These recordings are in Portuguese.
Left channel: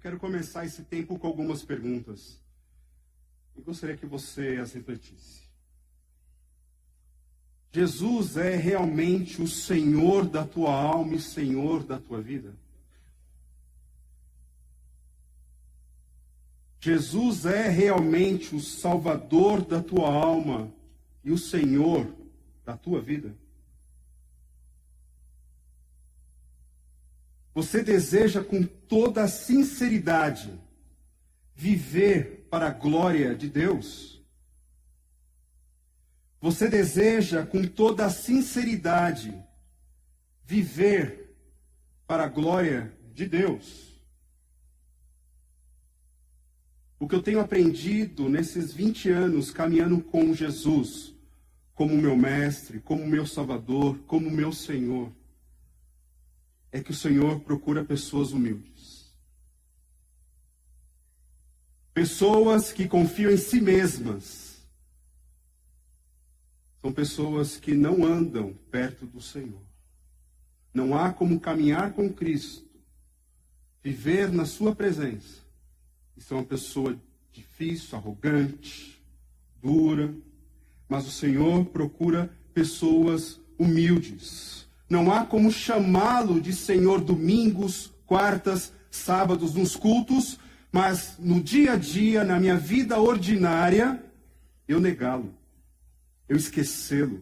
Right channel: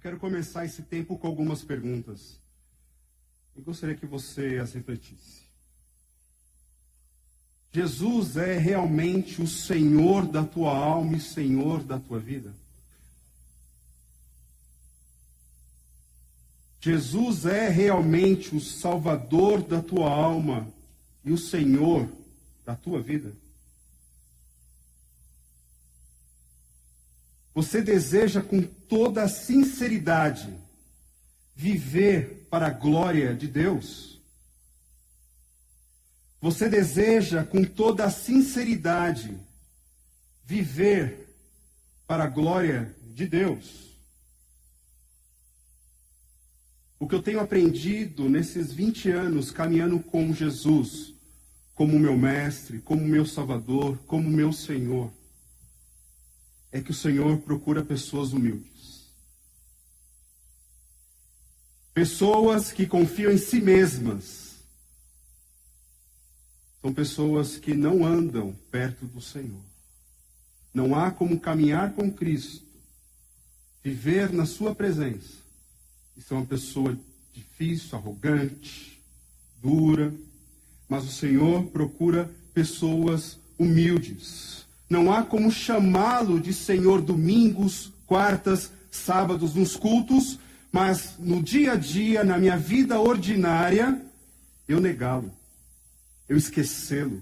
quero começar esse tempo com algumas perguntas. Eu gostaria que você as refletisse. Jesus é realmente o Senhor da tua alma e Senhor da tua vida? Jesus é realmente o Salvador da tua alma e o Senhor da tua vida? Você deseja com toda a sinceridade viver para a glória de Deus? Você deseja com toda a sinceridade viver para a glória de Deus? O que eu tenho aprendido nesses 20 anos caminhando com Jesus, como meu mestre, como meu Salvador, como meu Senhor, é que o Senhor procura pessoas humildes. Pessoas que confiam em si mesmas. São pessoas que não andam perto do Senhor. Não há como caminhar com Cristo, viver na sua presença, e ser uma pessoa difícil, arrogante, dura. Mas o Senhor procura pessoas humildes. Não há como chamá-lo de Senhor domingos, quartas, sábados, nos cultos, mas no dia a dia, na minha vida ordinária, eu negá-lo, eu esquecê-lo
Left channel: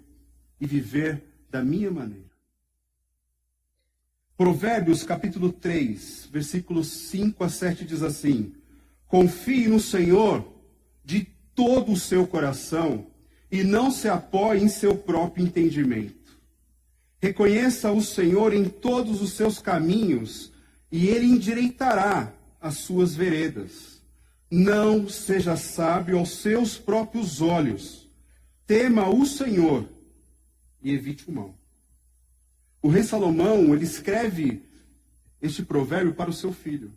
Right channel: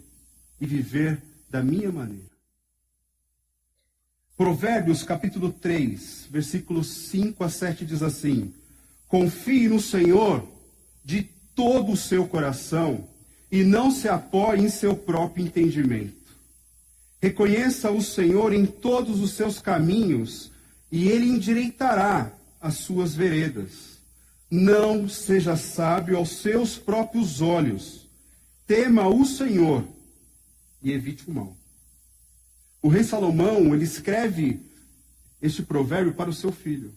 e viver da minha maneira. Provérbios capítulo 3, versículos 5 a 7 diz assim: confie no Senhor de todo o seu coração e não se apoie em seu próprio entendimento. Reconheça o Senhor em todos os seus caminhos, e Ele endireitará as suas veredas. Não seja sábio aos seus próprios olhos. Tema o Senhor e evite o mal. O rei Salomão, ele escreve este provérbio para o seu filho.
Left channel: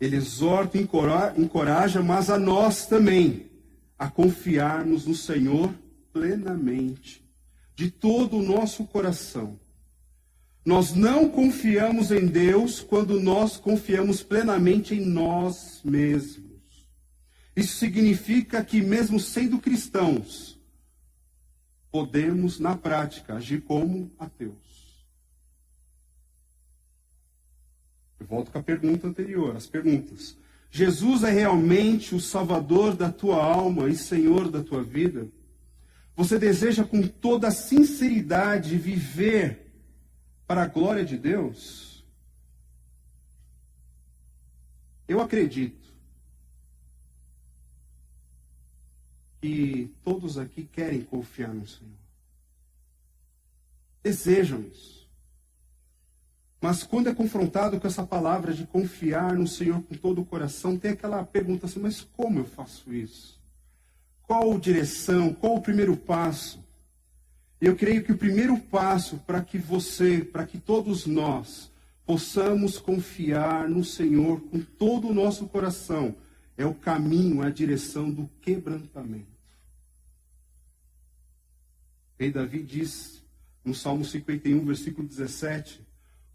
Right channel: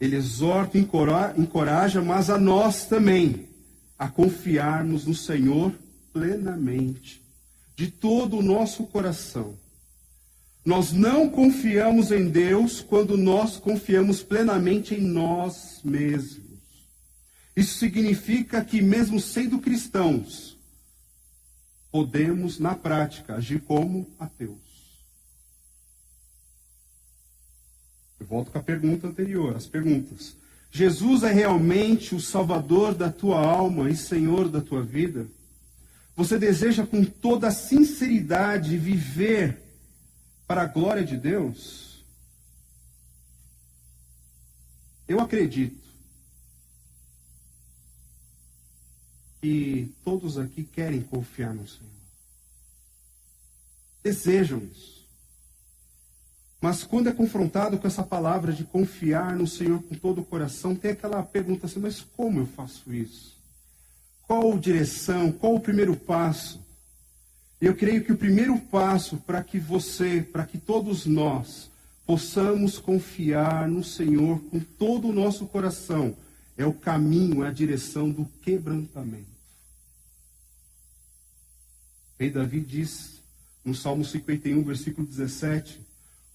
Ele exorta e encoraja, mas a nós também, a confiarmos no Senhor plenamente, de todo o nosso coração. Nós não confiamos em Deus quando nós confiamos plenamente em nós mesmos. Isso significa que, mesmo sendo cristãos, podemos, na prática, agir como ateus. Eu volto com a pergunta anterior, as perguntas. Jesus é realmente o Salvador da tua alma e Senhor da tua vida? Você deseja com toda a sinceridade viver para a glória de Deus? Eu acredito que todos aqui querem confiar no Senhor. Desejam isso. Mas quando é confrontado com essa palavra de confiar no Senhor com todo o coração, tem aquela pergunta assim: mas como eu faço isso? Qual direção? Qual o primeiro passo? Eu creio que o primeiro passo para que todos nós possamos confiar no Senhor com todo o nosso coração, é o caminho, a direção do quebrantamento. O rei Davi diz, no Salmo 51, versículo 17,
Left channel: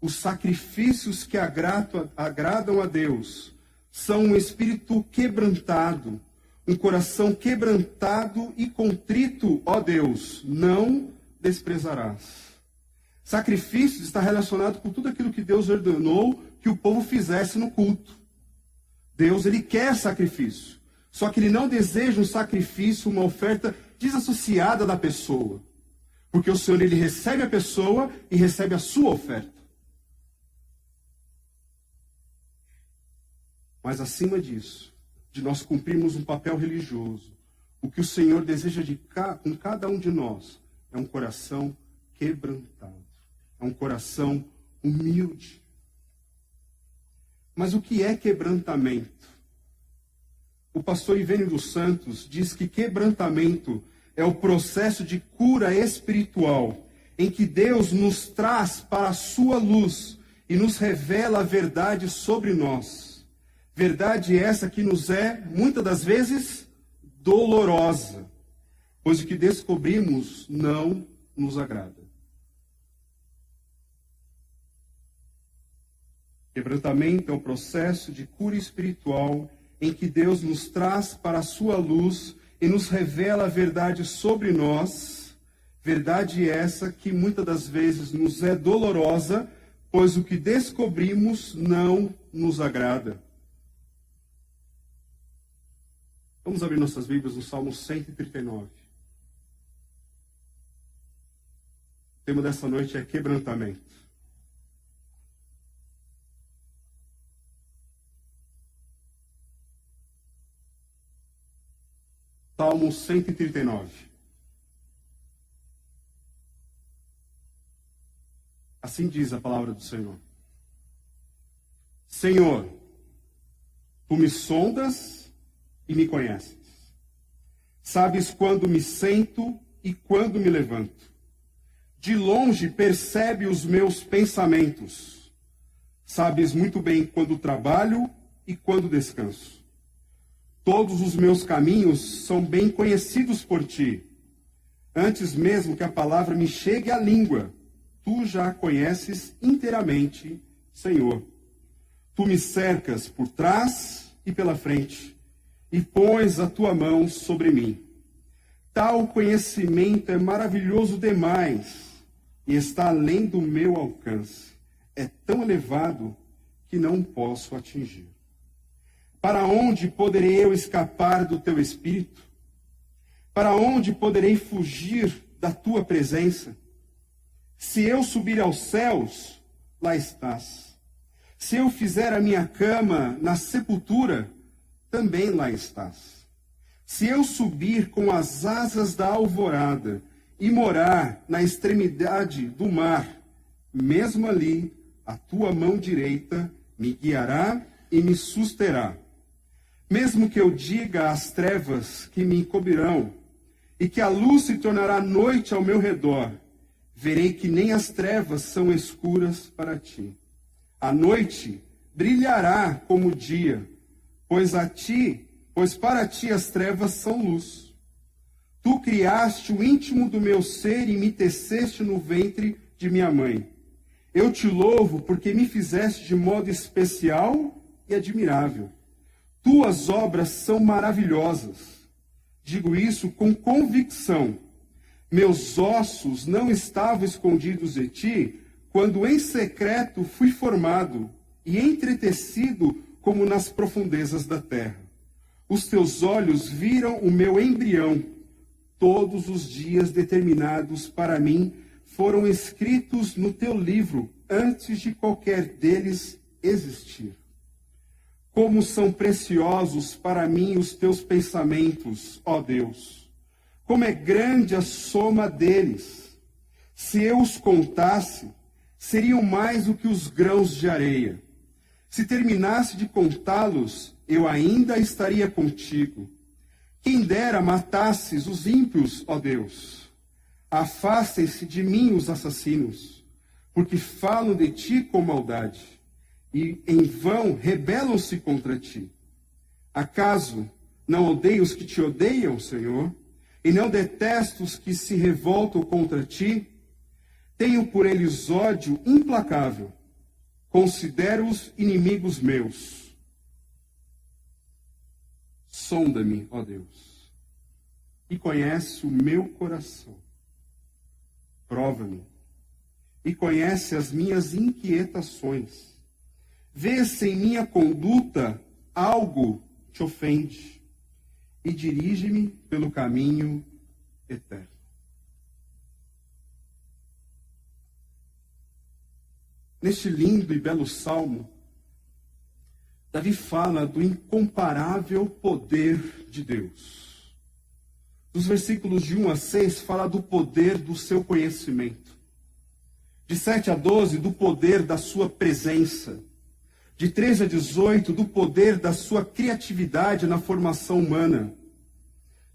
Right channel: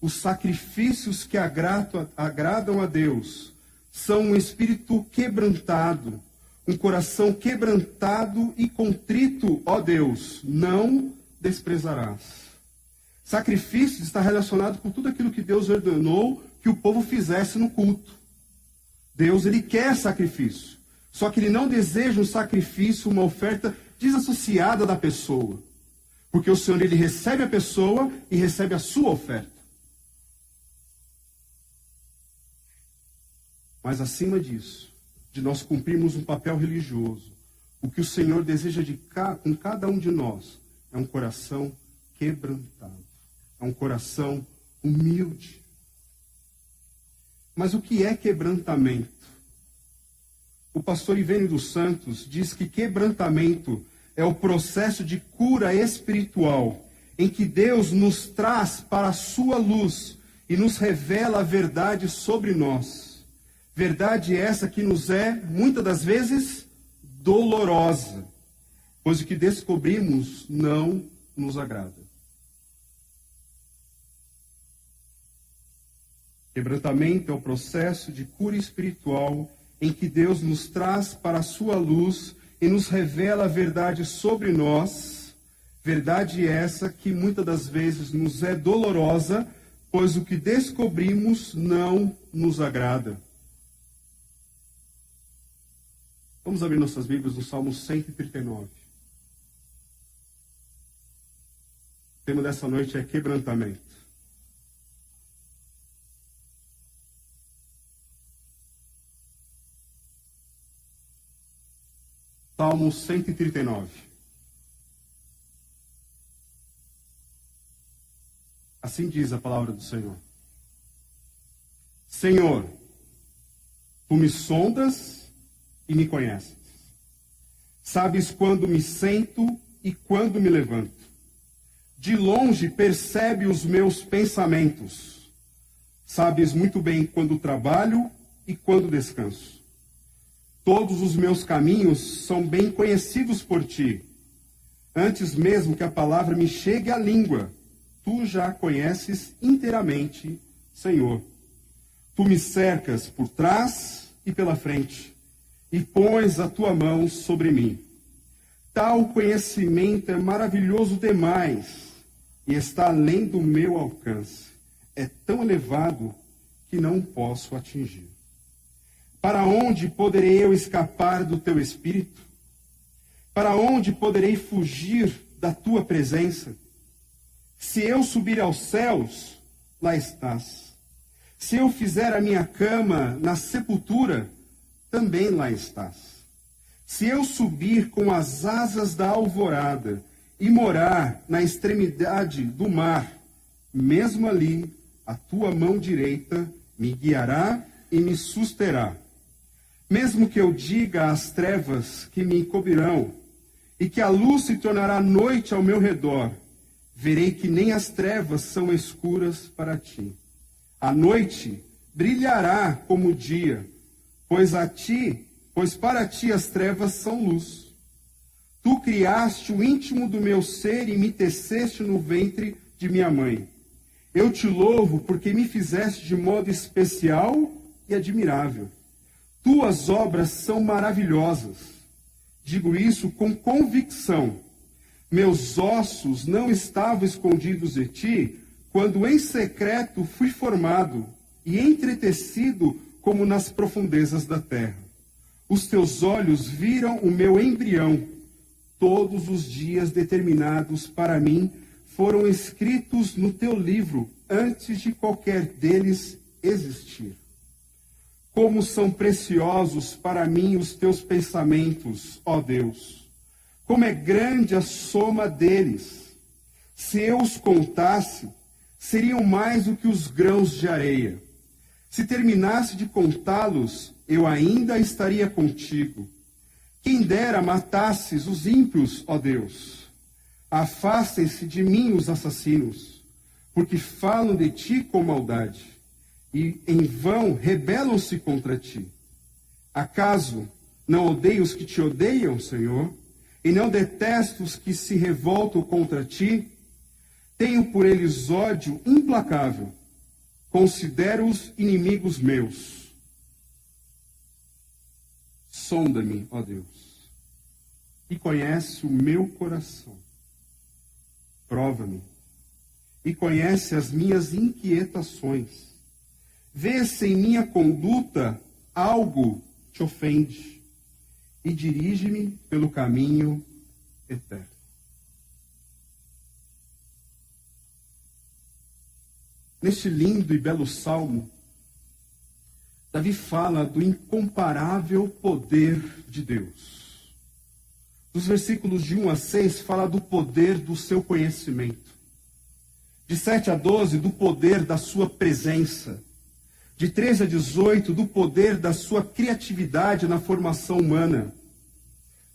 os sacrifícios que agradam a Deus são um espírito quebrantado, um coração quebrantado e contrito, ó Deus, não desprezarás. Sacrifício está relacionado com tudo aquilo que Deus ordenou que o povo fizesse no culto. Deus, ele quer sacrifício. Só que ele não deseja um sacrifício, uma oferta desassociada da pessoa. Porque o Senhor, ele recebe a pessoa e recebe a sua oferta. Mas acima disso, de nós cumprirmos um papel religioso, o que o Senhor deseja com cada um de nós é um coração quebrantado, é um coração humilde. Mas o que é quebrantamento? O pastor Ivênio dos Santos diz que quebrantamento é o processo de cura espiritual, em que Deus nos traz para a sua luz e nos revela a verdade sobre nós. Verdade essa que nos é, muitas das vezes, dolorosa, pois o que descobrimos não nos agrada. Quebrantamento é o processo de cura espiritual em que Deus nos traz para a sua luz e nos revela a verdade sobre nós, verdade essa que muitas das vezes nos é dolorosa, pois o que descobrimos não nos agrada. Vamos abrir nossas Bíblias no Salmo 139. O tema dessa noite é quebrantamento. Salmo 139. Assim diz a palavra do Senhor. Senhor, tu me sondas e me conheces. Sabes quando me sento e quando me levanto. De longe percebe os meus pensamentos. Sabes muito bem quando trabalho e quando descanso. Todos os meus caminhos são bem conhecidos por ti. Antes mesmo que a palavra me chegue à língua, tu já a conheces inteiramente, Senhor. Tu me cercas por trás e pela frente, e pões a tua mão sobre mim. Tal conhecimento é maravilhoso demais, e está além do meu alcance. É tão elevado que não posso atingir. Para onde poderei eu escapar do teu espírito? Para onde poderei fugir da tua presença? Se eu subir aos céus, lá estás. Se eu fizer a minha cama na sepultura, também lá estás. Se eu subir com as asas da alvorada e morar na extremidade do mar, mesmo ali a tua mão direita me guiará e me susterá. Mesmo que eu diga às trevas que me encobrirão, e que a luz se tornará noite ao meu redor, verei que nem as trevas são escuras para ti. A noite brilhará como o dia, pois para ti as trevas são luz. Tu criaste o íntimo do meu ser e me teceste no ventre de minha mãe. Eu te louvo porque me fizeste de modo especial e admirável. Tuas obras são maravilhosas. Digo isso com convicção. Meus ossos não estavam escondidos de ti, quando em secreto fui formado e entretecido como nas profundezas da terra. Os teus olhos viram o meu embrião. Todos os dias determinados para mim foram escritos no teu livro, antes de qualquer deles existir. Como são preciosos para mim os teus pensamentos, ó Deus! Como é grande a soma deles! Se eu os contasse, seriam mais do que os grãos de areia. Se terminasse de contá-los, eu ainda estaria contigo. Quem dera matasses os ímpios, ó Deus! Afastem-se de mim os assassinos, porque falam de ti com maldade. E em vão rebelam-se contra ti. Acaso não odeio os que te odeiam, Senhor? E não detesto os que se revoltam contra ti? Tenho por eles ódio implacável. Considero-os inimigos meus. Sonda-me, ó Deus, e conhece o meu coração. Prova-me e conhece as minhas inquietações. Vê se em minha conduta algo te ofende e dirige-me pelo caminho eterno. Neste lindo e belo salmo, Davi fala do incomparável poder de Deus. Dos versículos de 1 a 6, fala do poder do seu conhecimento. De 7 a 12, do poder da sua presença. De 13 a 18, do poder da sua criatividade na formação humana.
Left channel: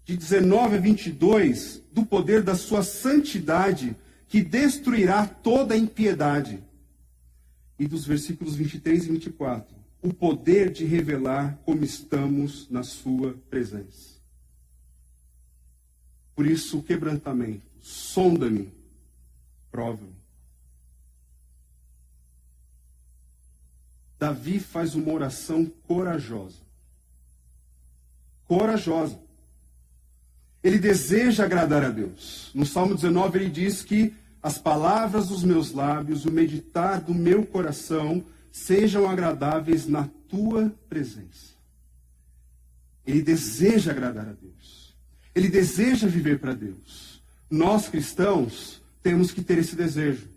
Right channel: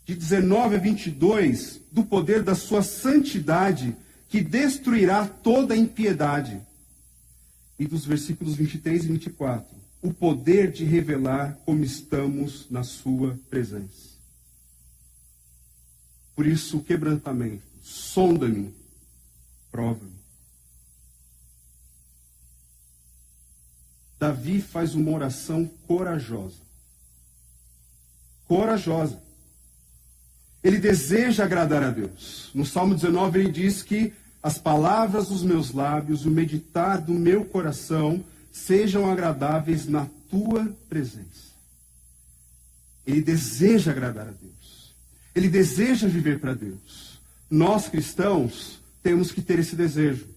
De 19 a 22, do poder da sua santidade, que destruirá toda a impiedade. E dos versículos 23 e 24, o poder de revelar como estamos na sua presença. Por isso, o quebrantamento. Sonda-me, prova-me. Davi faz uma oração corajosa. Corajosa. Ele deseja agradar a Deus. No Salmo 19 ele diz que as palavras dos meus lábios, o meditar do meu coração sejam agradáveis na tua presença. Ele deseja agradar a Deus. Ele deseja viver para Deus. Nós cristãos temos que ter esse desejo,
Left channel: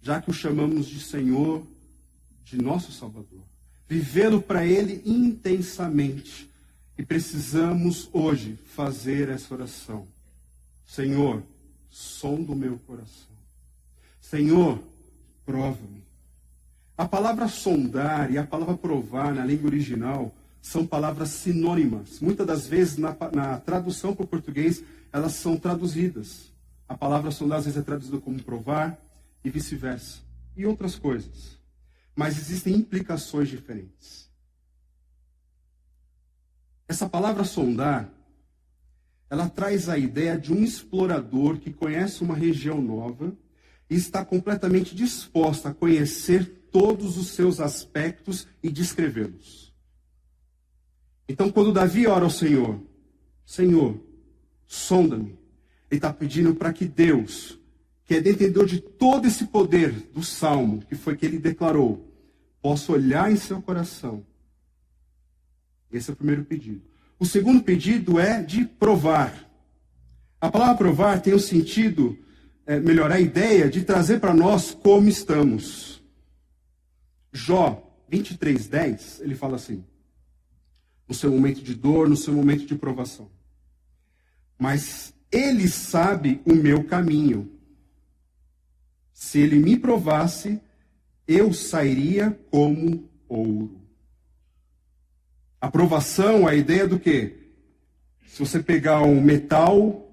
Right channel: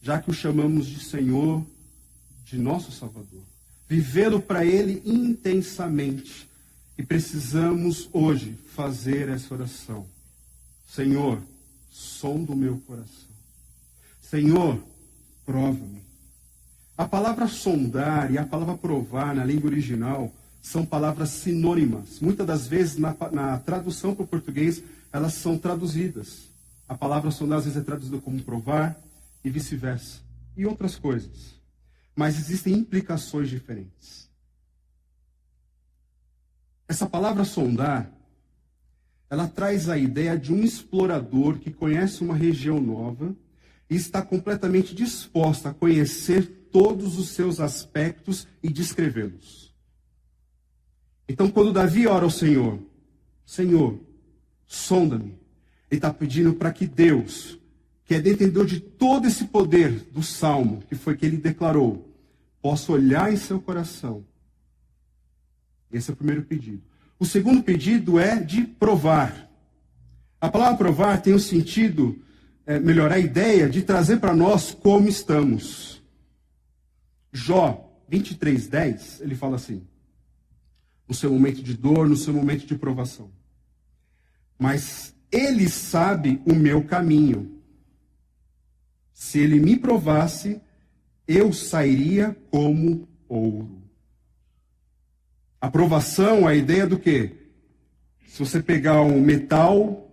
já que o chamamos de Senhor, de nosso Salvador. Vivê-lo para Ele intensamente. E precisamos hoje fazer essa oração. Senhor, sonda o meu coração. Senhor, prova-me. A palavra sondar e a palavra provar na língua original são palavras sinônimas. Muitas das vezes, na tradução para o português, elas são traduzidas. A palavra sondar, às vezes, é traduzida como provar e vice-versa. E outras coisas. Mas existem implicações diferentes. Essa palavra sondar, ela traz a ideia de um explorador que conhece uma região nova e está completamente disposta a conhecer todos os seus aspectos e descrevê-los. Então, quando Davi ora ao Senhor, Senhor, sonda-me, ele está pedindo para que Deus, que é detentor de todo esse poder do Salmo, que foi que ele declarou, possa olhar em seu coração. Esse é o primeiro pedido. O segundo pedido é de provar. A palavra provar tem o sentido, melhor, a ideia de trazer para nós como estamos. Jó 23:10, ele fala assim, no seu momento de dor, no seu momento de provação. Mas ele sabe o meu caminho. Se ele me provasse, eu sairia como ouro. A provação, a ideia do quê? Se você pegar um metal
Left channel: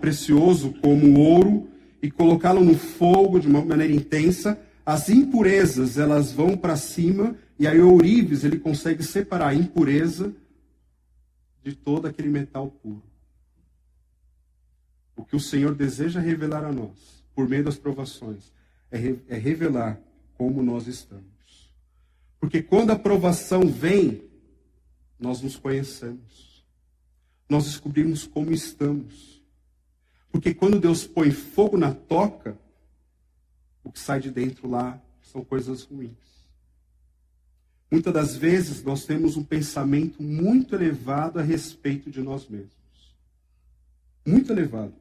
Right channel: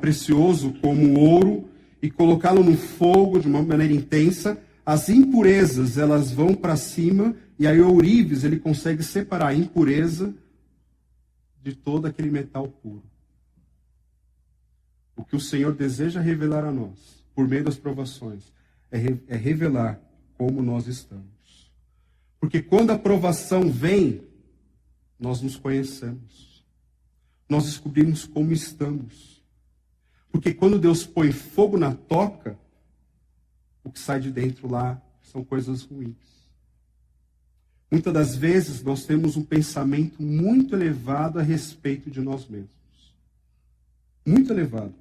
precioso como o ouro e colocá-lo no fogo de uma maneira intensa, as impurezas elas vão para cima e aí o ourives ele consegue separar a impureza de todo aquele metal puro. O que o Senhor deseja revelar a nós, por meio das provações, é revelar como nós estamos. Porque quando a provação vem, nós nos conhecemos. Nós descobrimos como estamos. Porque quando Deus põe fogo na toca, o que sai de dentro lá são coisas ruins. Muitas das vezes nós temos um pensamento muito elevado a respeito de nós mesmos. Muito elevado.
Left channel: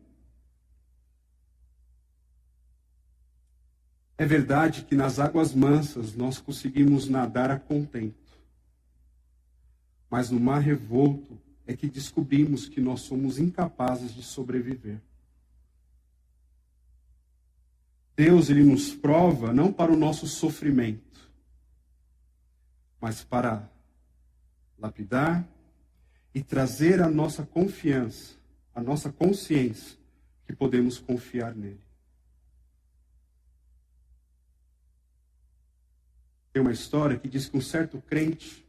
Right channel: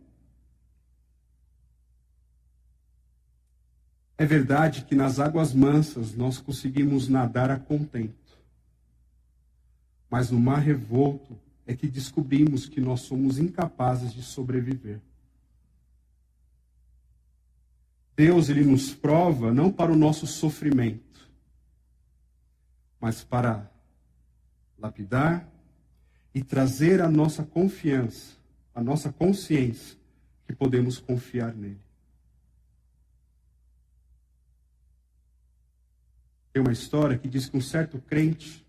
É verdade que nas águas mansas nós conseguimos nadar a contento. Mas no mar revolto é que descobrimos que nós somos incapazes de sobreviver. Deus, ele nos prova não para o nosso sofrimento, mas para lapidar e trazer a nossa confiança, a nossa consciência, que podemos confiar nele. Tem uma história que diz que um certo crente,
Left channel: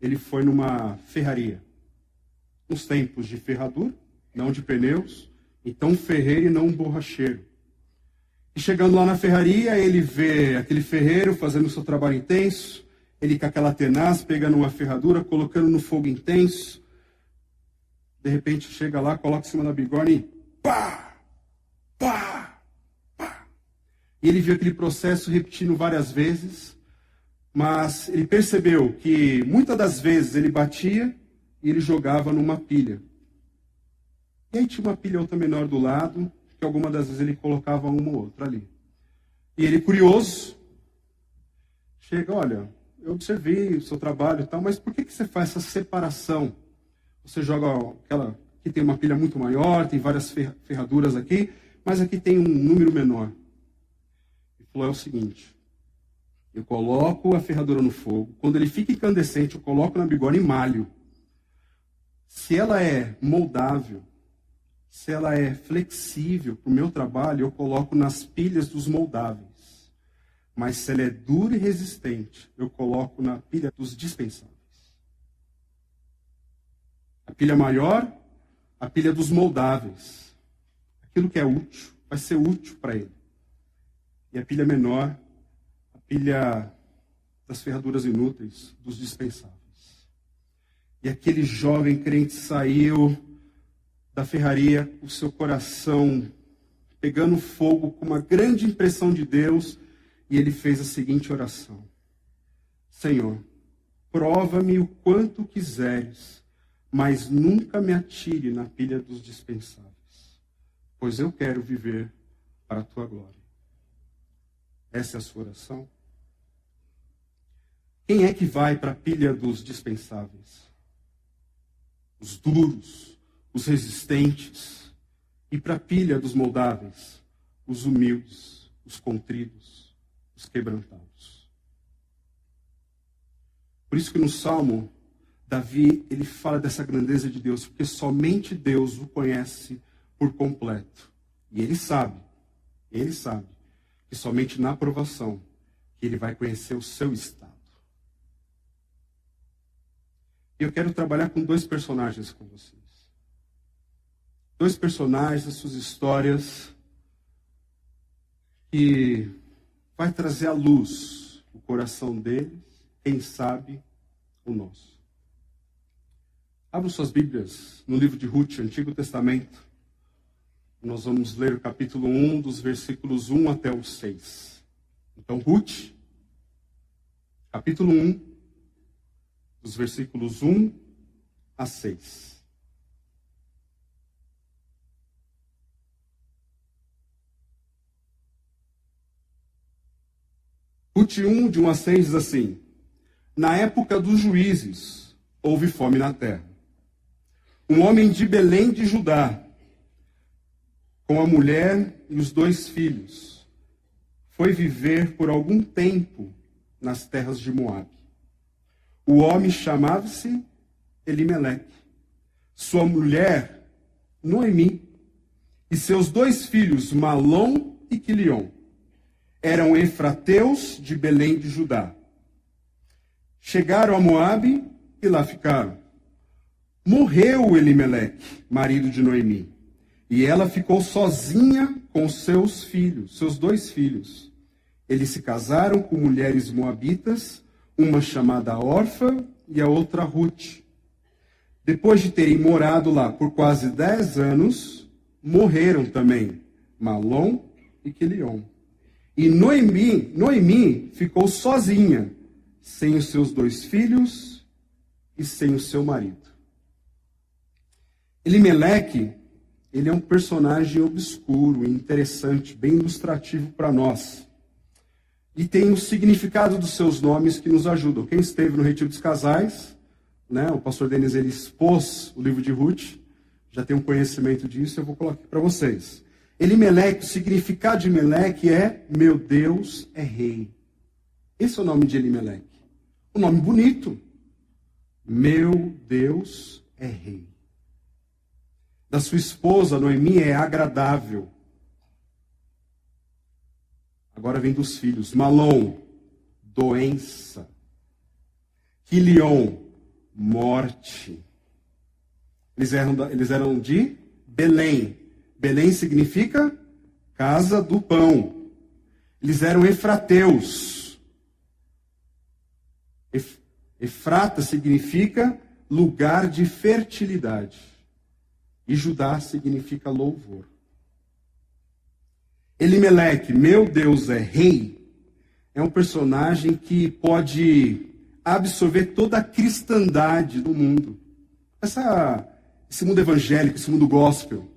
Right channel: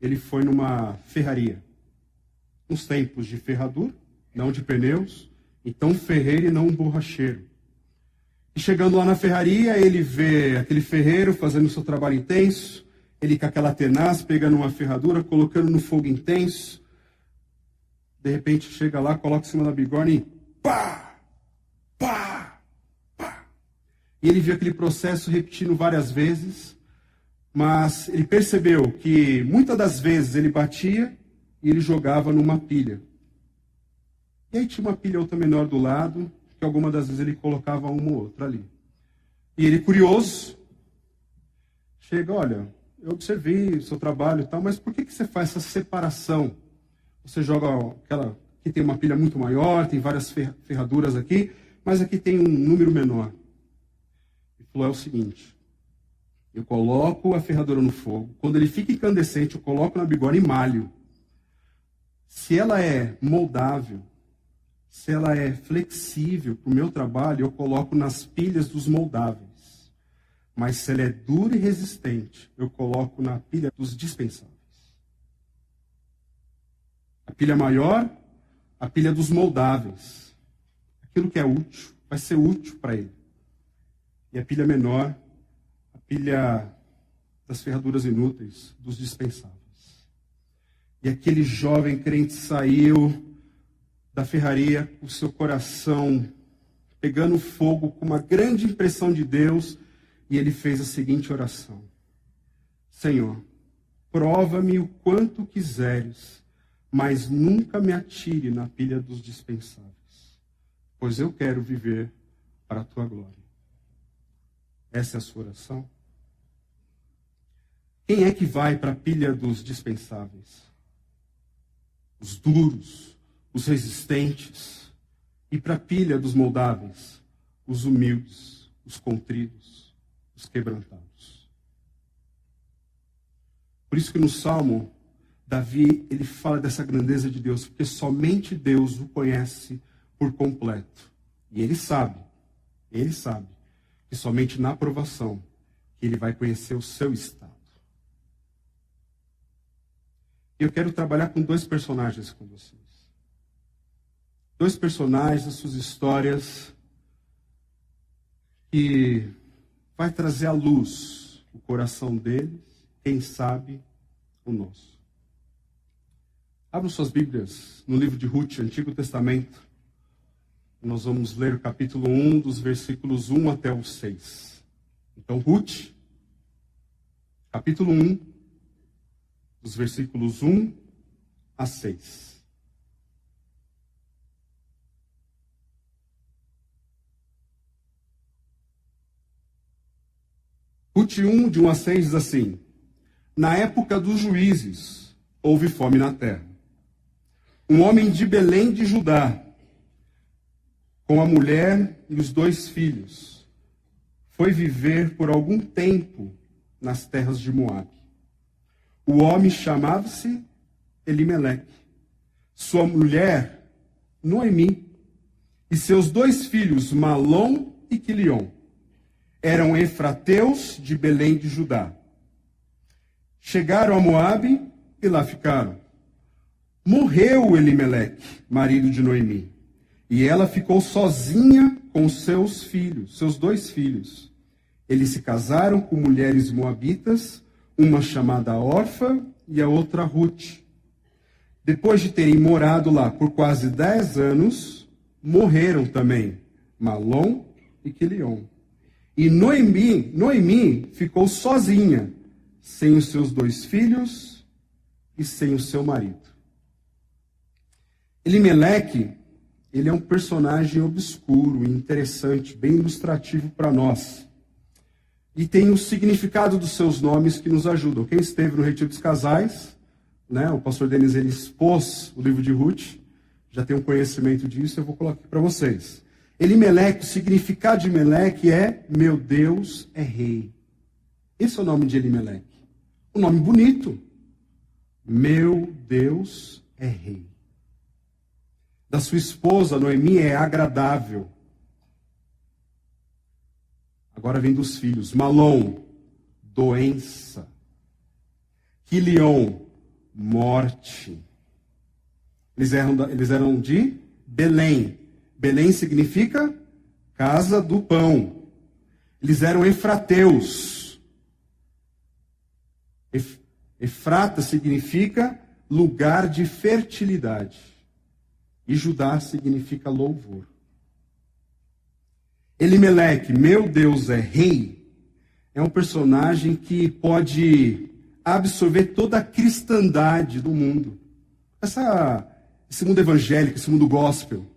ele foi numa ferraria. Uns tempos de ferradura, não de pneus, então um ferreiro e não um borracheiro. E chegando lá na ferraria, ele vê aquele ferreiro fazendo o seu trabalho intenso, ele com aquela tenaz, pegando uma ferradura, colocando no fogo intenso. De repente chega lá, coloca em cima da bigorna e pá, pá, pá. E ele viu aquele processo repetindo várias vezes, mas ele percebeu que muitas das vezes ele batia e ele jogava numa pilha. E aí tinha uma pilha outra menor do lado, que algumas das vezes ele colocava uma ou outra ali. E ele, curioso, chega, olha, eu observei o seu trabalho e tal, mas por que você faz essa separação? Você joga aquela, que tem uma pilha muito maior, tem várias ferraduras aqui, mas aqui tem um número menor. Ele falou, é o seguinte, eu coloco a ferradura no fogo, quando ele fica incandescente, eu coloco na bigorna e malho. Se ela é moldável, se ela é flexível para o meu trabalho, eu coloco nas pilhas dos moldáveis. Mas se ela é dura e resistente, eu coloco na pilha dos dispensáveis. A pilha maior, a pilha dos moldáveis. Aquilo que é útil, vai ser útil para ele. E a pilha menor, a pilha das ferraduras inúteis, dos dispensáveis. E aquele jovem crente saiu da ferraria com o seu coração pegando fogo, com uma grande impressão de Deus, e ele fez a seguinte oração: Senhor, prova-me o quanto quiseres, mas nunca me atire na pilha dos dispensáveis, pois eu quero viver para a tua glória. Essa é a sua oração? Quem é que vai para a pilha dos dispensáveis? Os duros, os resistentes. E para a pilha dos moldáveis? Os humildes, os contritos, os quebrantados. Por isso que no Salmo, Davi, ele fala dessa grandeza de Deus, porque somente Deus o conhece por completo. E ele sabe que somente na aprovação que ele vai conhecer o seu estado. Eu quero trabalhar com dois personagens com vocês. Dois personagens, as suas histórias, que vai trazer à luz o coração deles, quem sabe o nosso. Abram suas Bíblias no livro de Ruth, Antigo Testamento. Nós vamos ler o capítulo 1, dos versículos 1 até o 6. Então, Ruth, capítulo 1, dos versículos 1 a 6. Ruth 1, de 1 a 6, diz assim: Na época dos juízes, houve fome na terra. Um homem de Belém de Judá, com a mulher e os 2 filhos, foi viver por algum tempo nas terras de Moabe. O homem chamava-se Elimeleque, sua mulher Noemi, e seus 2 filhos, Malom e Quilion. Eram efrateus de Belém de Judá. Chegaram a Moabe e lá ficaram. Morreu Elimeleque, marido de Noemi, e ela ficou sozinha com seus filhos, seus 2 filhos. Eles se casaram com mulheres moabitas, uma chamada Orfa e a outra Ruth. Depois de terem morado lá por quase 10 anos, morreram também Malom e Quilion. E Noemi ficou sozinha, sem os seus 2 filhos e sem o seu marido. Elimeleque, ele é um personagem obscuro e interessante, bem ilustrativo para nós. E tem o significado dos seus nomes que nos ajudam. Quem esteve no Retiro dos Casais, né, o pastor Denis, ele expôs o livro de Ruth, já tem um conhecimento disso, eu vou colocar aqui para vocês. Elimeleque, o significado de Meleque é meu Deus é rei. Esse é o nome de Elimeleque. Um nome bonito. Meu Deus é rei. Da sua esposa, Noemi, é agradável. Agora vem dos filhos. Malom, doença. Quilion, morte. Eles eram de Belém. Belém significa casa do pão. Eles eram efrateus. Efrata significa lugar de fertilidade. E Judá significa louvor. Elimeleque, meu Deus é rei, é um personagem que pode absorver toda a cristandade do mundo. Esse mundo evangélico, esse mundo gospel,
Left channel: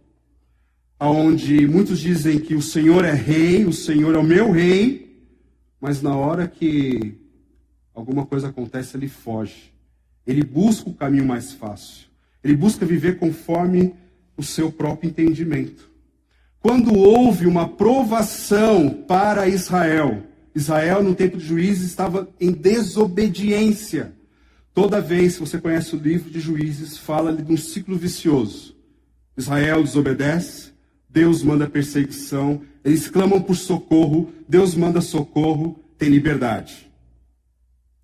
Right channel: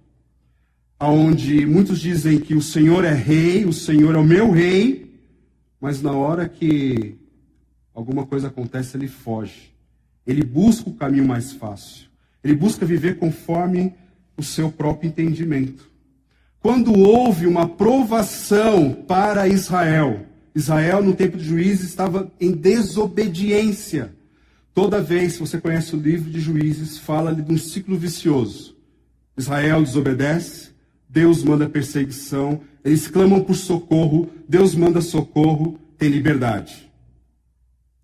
onde muitos dizem que o Senhor é rei, o Senhor é o meu rei, mas na hora que alguma coisa acontece, ele foge. Ele busca o caminho mais fácil. Ele busca viver conforme o seu próprio entendimento. Quando houve uma provação para Israel, Israel no tempo de Juízes estava em desobediência. Toda vez que você conhece o livro de Juízes, fala de um ciclo vicioso. Israel desobedece, Deus manda perseguição, eles clamam por socorro, Deus manda socorro, tem liberdade.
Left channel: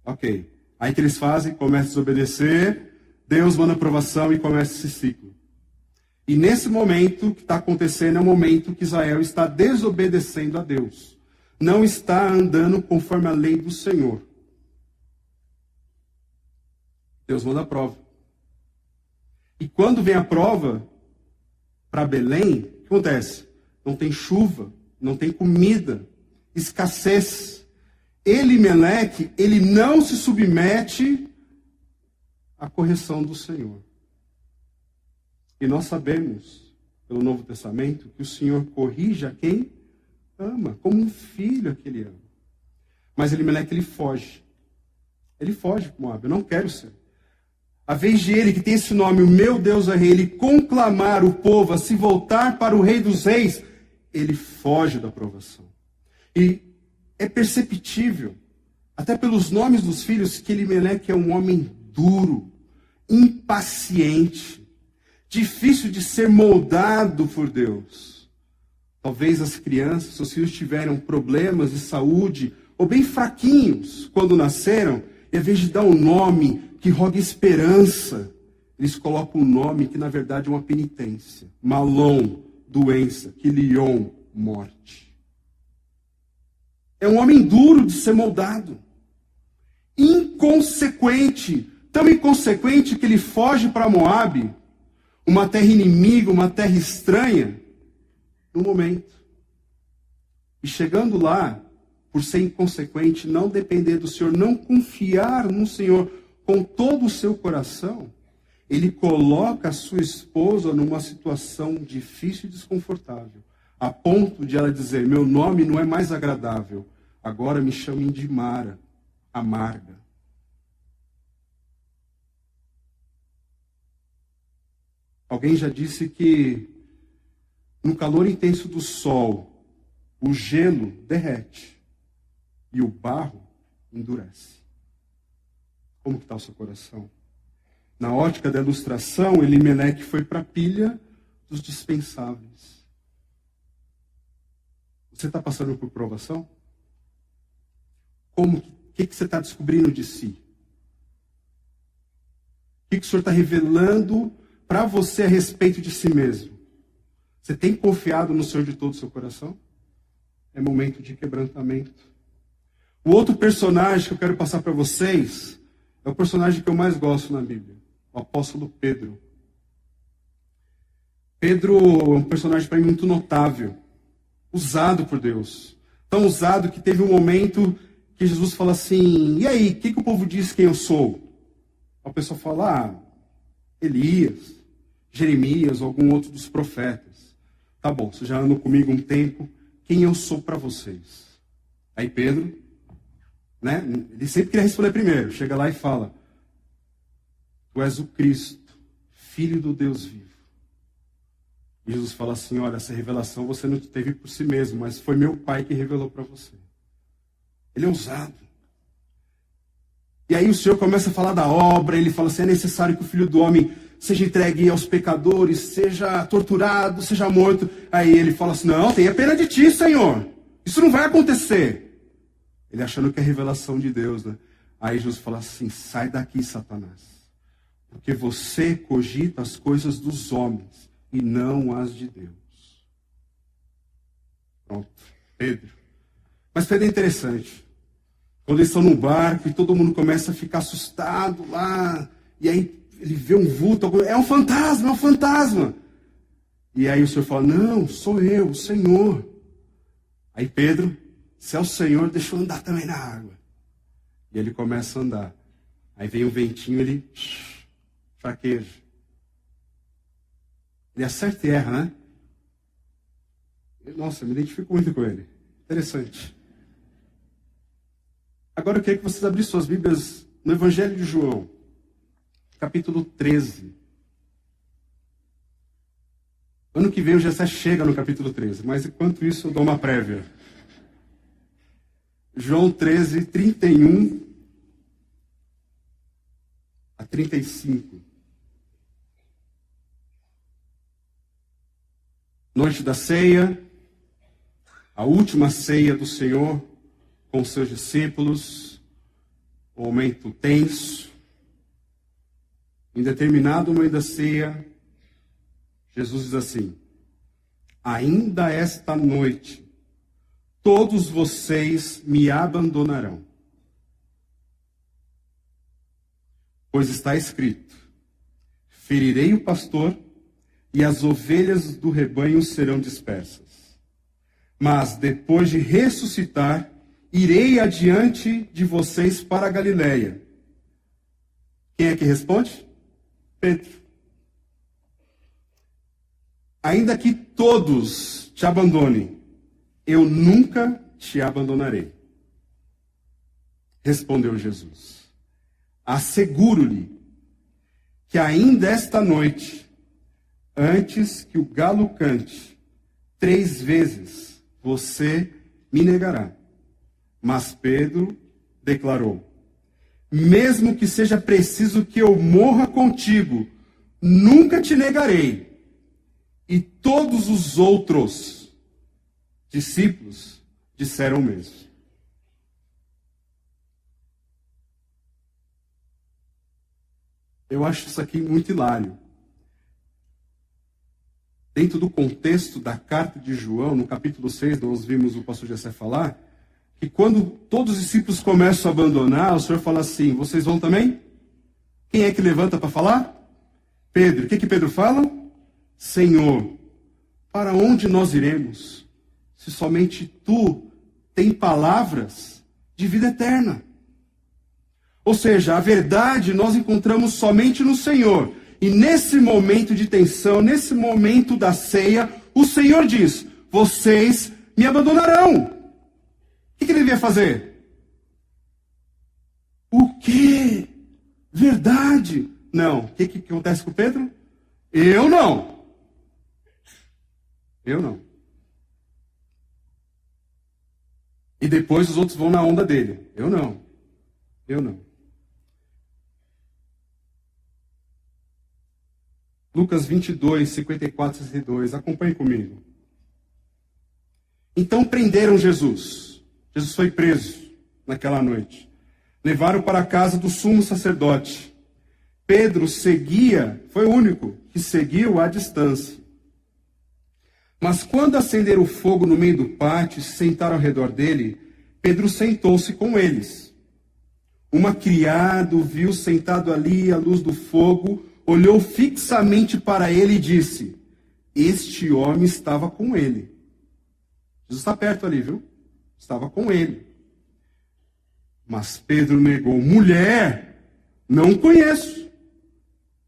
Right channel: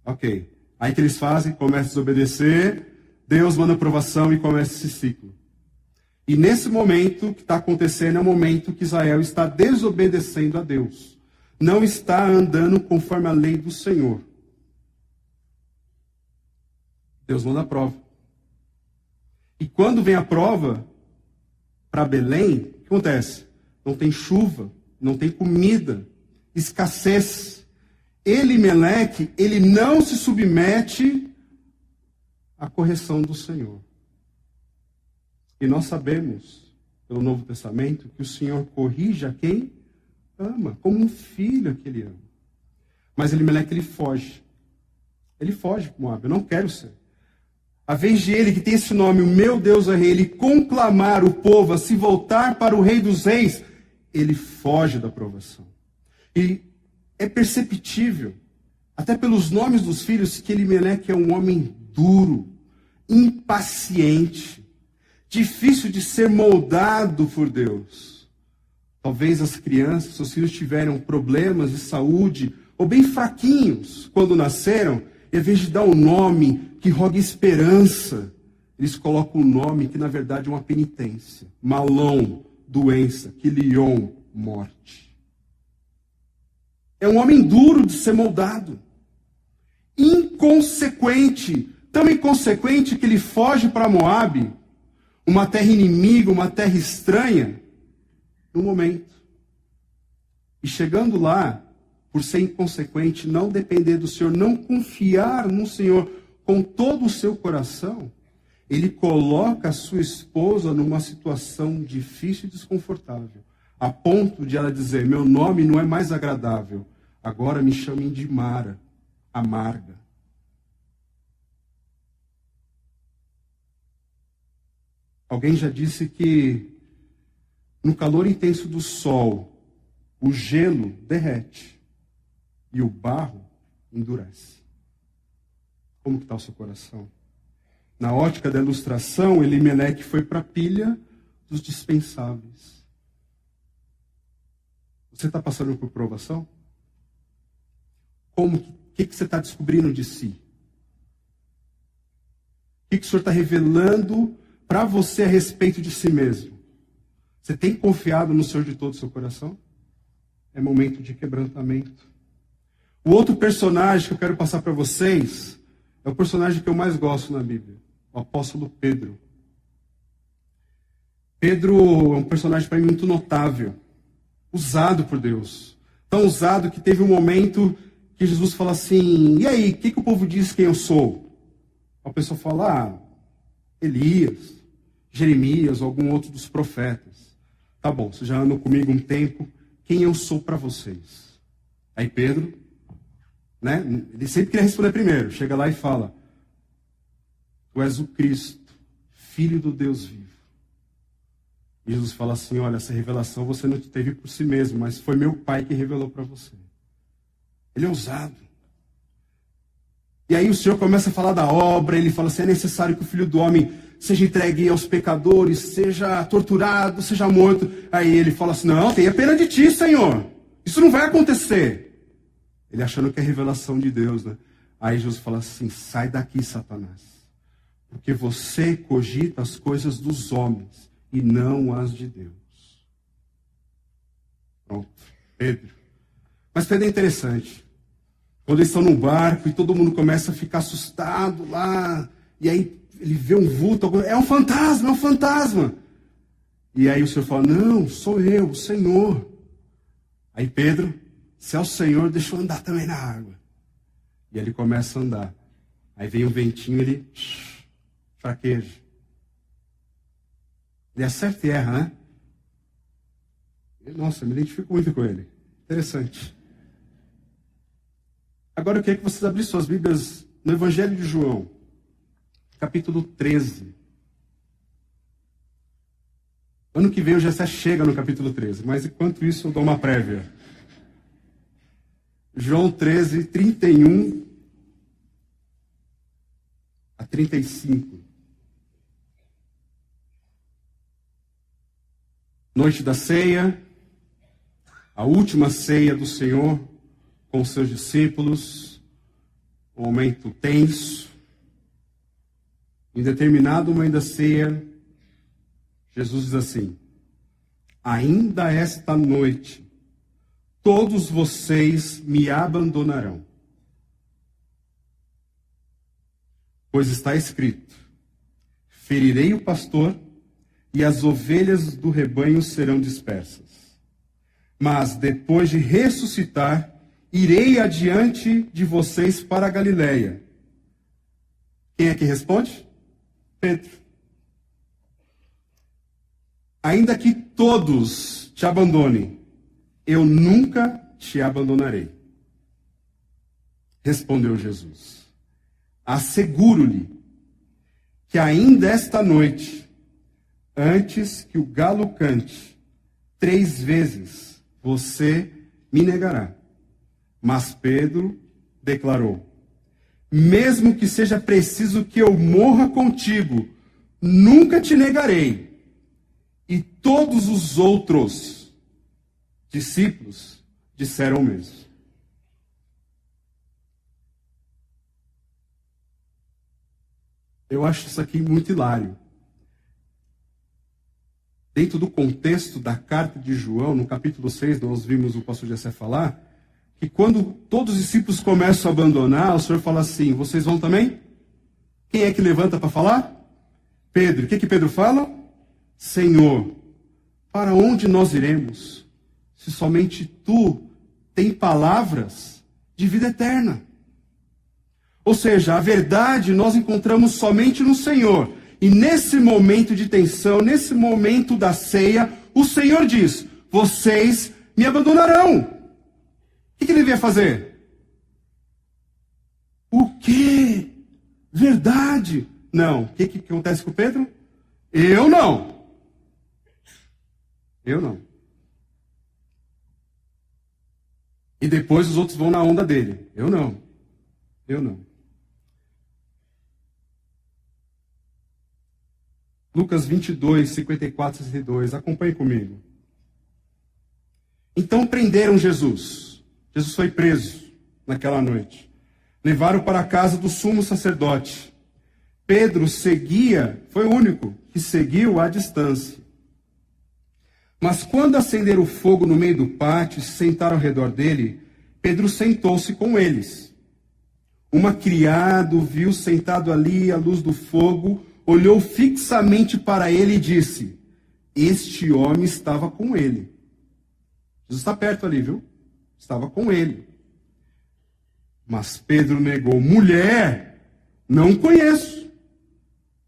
Ok. Aí o que eles fazem? Começam a desobedecer, Deus manda aprovação e começa esse ciclo. E nesse momento, o que está acontecendo é o momento que Israel está desobedecendo a Deus. Não está andando conforme a lei do Senhor. Deus manda a prova. E quando vem a prova para Belém, o que acontece? Não tem chuva, não tem comida, escassez. Elimeleque, ele não se submete à correção do Senhor. E nós sabemos, pelo Novo Testamento, que o Senhor corrige a quem ama, como um filho que ele ama. Mas Elimeleque, ele foge. Ele foge para Moabe. Eu não quero ser. A vez de ele, que tem esse nome, o meu Deus é rei, ele conclamar o povo a se voltar para o Rei dos Reis, ele foge da provação. E é perceptível, até pelos nomes dos filhos, que Elimeleque é um homem duro, impaciente, difícil de ser moldado por Deus. Talvez as crianças, seus filhos tiveram problemas de saúde, ou bem fraquinhos quando nasceram, e ao invés de dar um nome que roga esperança, eles colocam um nome que na verdade é uma penitência. Malom, doença, Quilion, morte. É um homem duro de ser moldado. Inconsequente. Tão inconsequente que ele foge para Moabe, uma terra inimiga, uma terra estranha, no momento. E chegando lá, por ser inconsequente, não depender do Senhor, não confiar no Senhor com todo o seu coração, ele coloca a sua esposa numa situação difícil e desconfortável, a ponto de ela dizer: meu nome não é mais agradável, agora me chamem de Mara, amarga. Alguém já disse que no calor intenso do sol, o gelo derrete e o barro endurece. Como que está o seu coração? Na ótica da ilustração, Elimeleque foi para a pilha dos dispensáveis. Você está passando por provação? Como? O que você está descobrindo de si? O que o Senhor está revelando para você a respeito de si mesmo? Você tem confiado no Senhor de todo o seu coração? É momento de quebrantamento. O outro personagem que eu quero passar para vocês é o personagem que eu mais gosto na Bíblia, o apóstolo Pedro. Pedro é um personagem para mim muito notável, usado por Deus. Tão usado que teve um momento que Jesus fala assim: e aí, o que o povo diz quem eu sou? A pessoa fala: Elias, Jeremias, ou algum outro dos profetas. Tá bom, vocês já andam comigo um tempo, quem eu sou para vocês? Aí Pedro, né, ele sempre queria responder primeiro, chega lá e fala: tu és o Cristo, Filho do Deus vivo. E Jesus fala assim: olha, essa revelação você não teve por si mesmo, mas foi meu Pai que revelou para você. Ele é ousado. E aí o Senhor começa a falar da obra, ele fala assim: é necessário que o Filho do Homem seja entregue aos pecadores, seja torturado, seja morto. Aí ele fala assim: não, tenha pena de ti, Senhor. Isso não vai acontecer. Ele achando que é revelação de Deus, né? Aí Jesus fala assim: sai daqui, Satanás. Porque você cogita as coisas dos homens e não as de Deus. Pronto, Pedro. Mas Pedro é interessante. Quando eles estão num barco e todo mundo começa a ficar assustado lá, e aí ele vê um vulto, é um fantasma, é um fantasma. E aí o Senhor fala: não, sou eu, o Senhor. Aí Pedro, se é o Senhor, deixa eu andar também na água. E ele começa a andar. Aí vem o ventinho, ele fraqueja. Ele acerta e erra, né? Nossa, eu me identifico muito com ele. Interessante. Agora eu queria que vocês abrissem suas Bíblias no Evangelho de João, capítulo 13. Ano que vem o Gessé chega no capítulo 13, mas enquanto isso eu dou uma prévia. João 13, 31 a 35. Noite da ceia, a última ceia do Senhor com os seus discípulos, um momento tenso. Em determinado momento da ceia, Jesus diz assim: ainda esta noite, todos vocês me abandonarão. Pois está escrito: ferirei o pastor e as ovelhas do rebanho serão dispersas. Mas depois de ressuscitar, irei adiante de vocês para a Galileia. Quem é que responde? Pedro. Ainda que todos te abandonem, eu nunca te abandonarei. Respondeu Jesus: asseguro-lhe que ainda esta noite, antes que o galo cante, 3 vezes você me negará. Mas Pedro declarou: mesmo que seja preciso que eu morra contigo, nunca te negarei. E todos os outros discípulos disseram o mesmo. Eu acho isso aqui muito hilário. Dentro do contexto da carta de João, no capítulo 6, nós vimos o pastor Jessé falar, que quando todos os discípulos começam a abandonar, o Senhor fala assim: vocês vão também? Quem é que levanta para falar? Pedro. O que Pedro fala? Senhor, para onde nós iremos, se somente tu tem palavras de vida eterna? Ou seja, a verdade nós encontramos somente no Senhor. E nesse momento de tensão, nesse momento da ceia, o Senhor diz: vocês me abandonarão. O que ele devia fazer? O quê? Verdade? Não. O que acontece com Pedro? Eu não. Eu não. E depois os outros vão na onda dele. Eu não. Eu não. Lucas 22, 54 e 62. Acompanhe comigo. Então prenderam Jesus. Jesus foi preso naquela noite. Levaram para a casa do sumo sacerdote. Pedro seguia, foi o único que seguiu à distância. Mas quando acenderam o fogo no meio do pátio e se sentaram ao redor dele, Pedro sentou-se com eles. Uma criada o viu sentado ali à luz do fogo, olhou fixamente para ele e disse: este homem estava com ele. Jesus está perto ali, viu? Estava com ele. Mas Pedro negou: mulher, não conheço.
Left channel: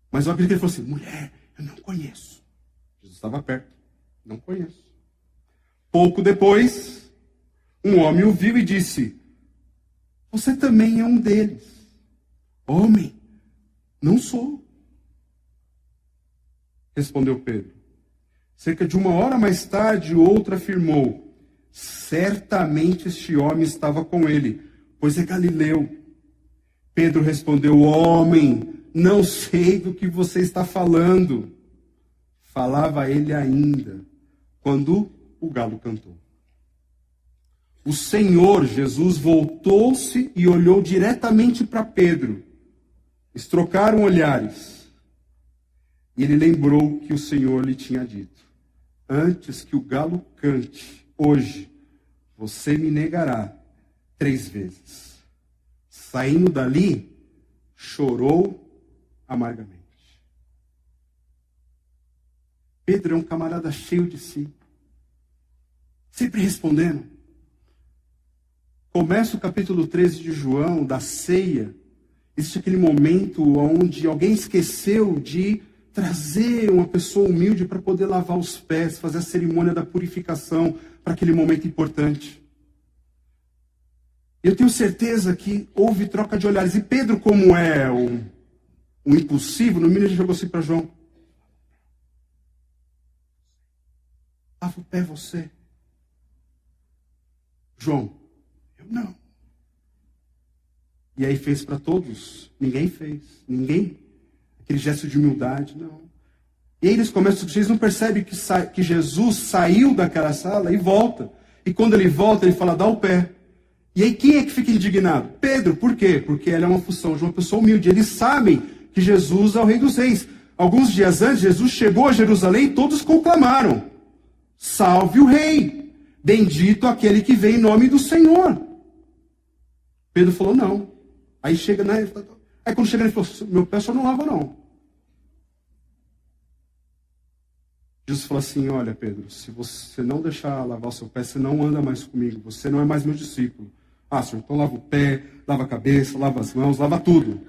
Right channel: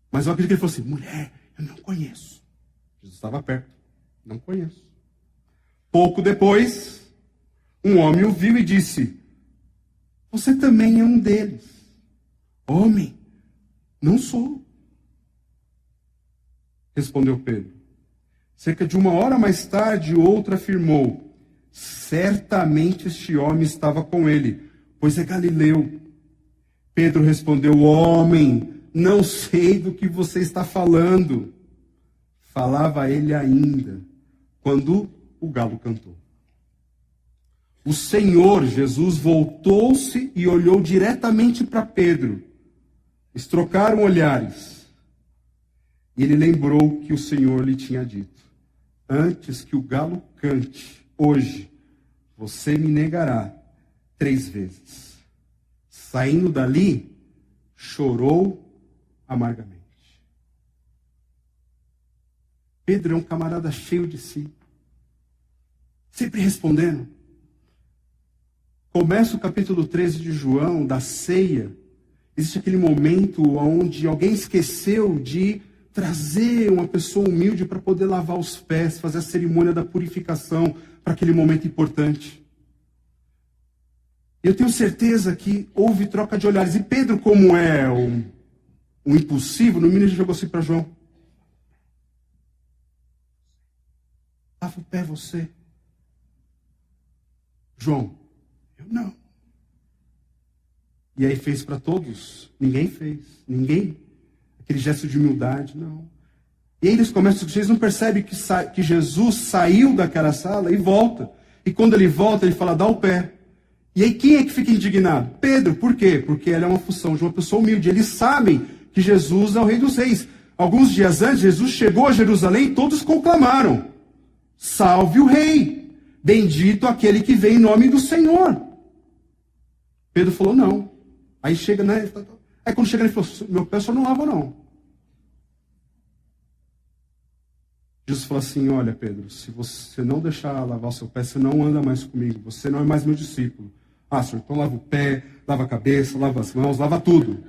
Mas eu acredito que ele falou assim: mulher, eu não conheço. Jesus estava perto. Não conheço. Pouco depois, um homem o viu e disse: você também é um deles. Homem, não sou. Respondeu Pedro. Cerca de 1 hora mais tarde, outro afirmou: certamente este homem estava com ele, pois é galileu. Pedro respondeu: homem, não sei do que você está falando. Falava ele ainda, quando o galo cantou. O Senhor Jesus voltou-se e olhou diretamente para Pedro. Eles trocaram olhares. E ele lembrou que o Senhor lhe tinha dito: antes que o galo cante, hoje, você me negará 3 vezes. Saindo dali, chorou amargamente. Pedro é um camarada cheio de si, sempre respondendo. Começa o capítulo 13 de João, da ceia. Existe aquele momento onde alguém esqueceu de trazer uma pessoa humilde para poder lavar os pés, fazer a cerimônia da purificação para aquele momento importante. Eu tenho certeza que houve troca de olhares. E Pedro, como é um impulsivo, no mínimo ele jogou assim para João: lava o pé você. João: eu não. E aí fez para todos? Ninguém fez. Ninguém. Aquele gesto de humildade, não. E aí eles começam, vocês não percebem que Jesus saiu daquela sala e volta. E quando ele volta, ele fala: dá o pé. E aí quem é que fica indignado? Pedro. Por quê? Porque ela é uma função de uma pessoa humilde. Eles sabem que Jesus é o Rei dos Reis. Alguns dias antes, Jesus chegou a Jerusalém e todos conclamaram: salve o Rei! Bendito aquele que vem em nome do Senhor. Pedro falou: não. Aí chega, né? Aí quando chega ele falou, meu pé só não lava não. Jesus falou assim, olha Pedro, se você não deixar lavar o seu pé, você não anda mais comigo, você não é mais meu discípulo. Ah, senhor, então lava o pé, lava a cabeça, lava as mãos, lava tudo.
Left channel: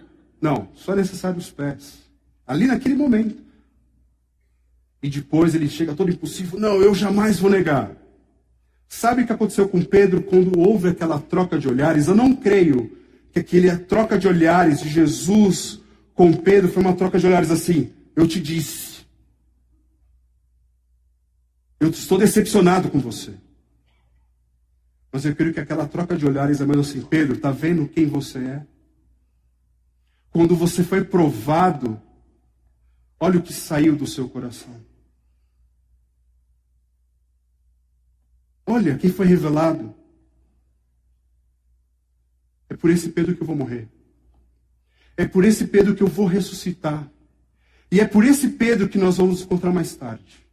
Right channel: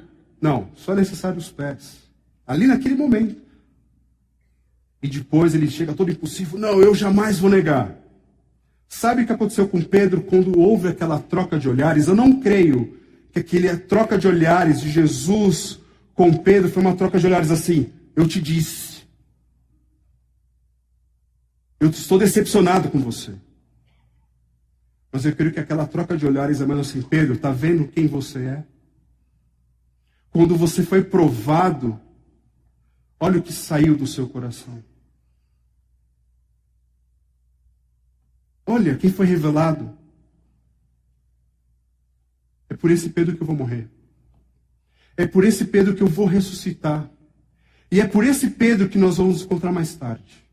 Não, só é necessário os pés. Ali naquele momento. E depois ele chega todo impulsivo, não, eu jamais vou negar. Sabe o que aconteceu com Pedro quando houve aquela troca de olhares? Eu não creio que aquela troca de olhares de Jesus com Pedro foi uma troca de olhares assim, eu te disse. Eu estou decepcionado com você. Mas eu creio que aquela troca de olhares é mais assim, Pedro, está vendo quem você é? Quando você foi provado, olha o que saiu do seu coração. Olha quem foi revelado. É por esse Pedro que eu vou morrer. É por esse Pedro que eu vou ressuscitar. E é por esse Pedro que nós vamos nos encontrar mais tarde.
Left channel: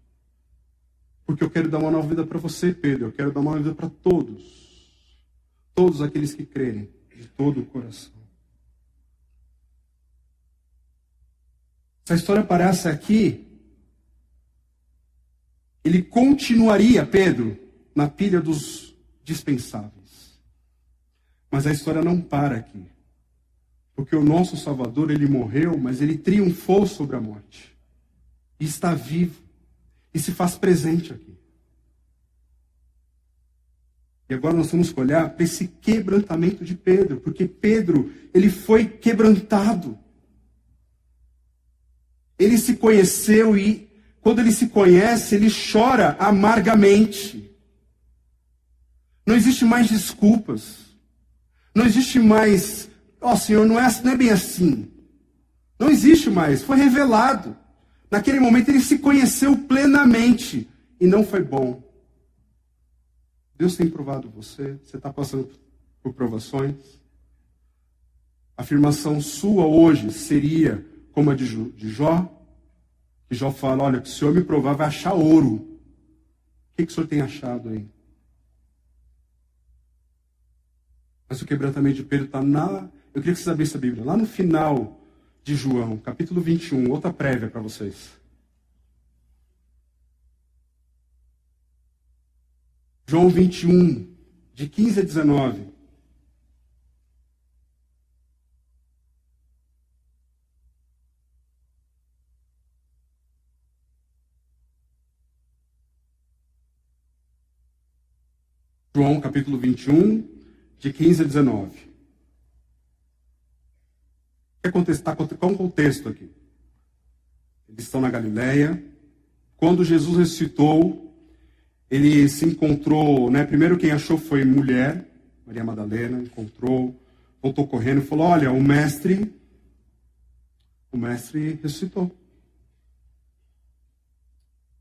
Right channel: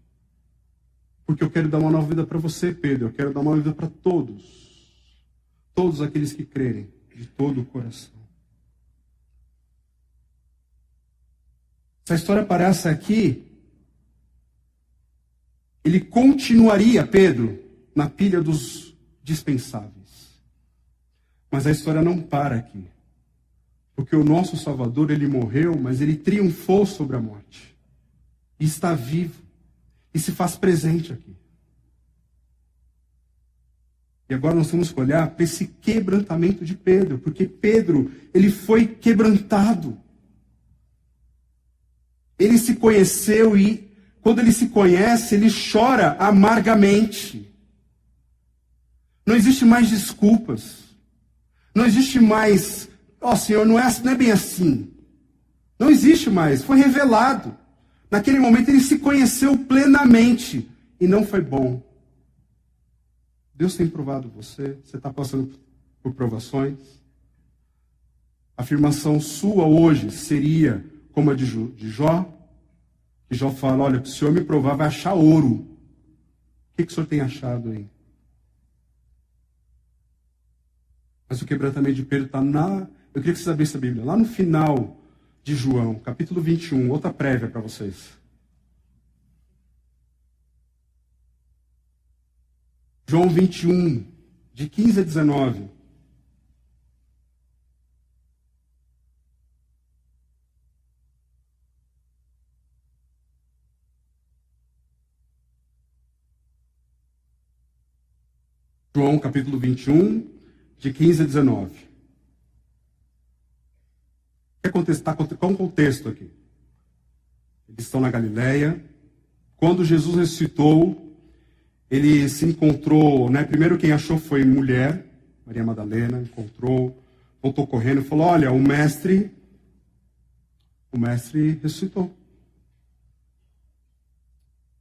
Porque eu quero dar uma nova vida para você, Pedro. Eu quero dar uma nova vida para todos. Todos aqueles que crerem de todo o coração. Se a história parasse aqui, ele continuaria, Pedro, na pilha dos dispensáveis. Mas a história não para aqui. Porque o nosso Salvador, ele morreu, mas ele triunfou sobre a morte. E está vivo. E se faz presente aqui. E agora nós temos que olhar para esse quebrantamento de Pedro. Porque Pedro, ele foi quebrantado. Ele se conheceu e, quando ele se conhece, ele chora amargamente. Não existe mais desculpas. Não existe mais, Senhor, não é bem assim. Não existe mais, foi revelado. Naquele momento ele se conheceu plenamente e não foi bom. Deus tem provado você está passando por provações. A afirmação sua hoje seria como a de Jó. Que Jó fala, olha, se o Senhor me provar, vai achar ouro. O que o Senhor tem achado aí? Mas o quebrantamento de Pedro está eu queria que vocês abrissem a Bíblia. Lá no final de João, capítulo 21, outra prévia para vocês. João 21, de 15 a 19. João capítulo 21, de 15 a 19. Qual é o contexto aqui? Eles estão na Galileia. Quando Jesus ressuscitou, ele se encontrou, primeiro quem achou foi mulher, Maria Madalena, encontrou, voltou correndo e falou, olha, o mestre ressuscitou.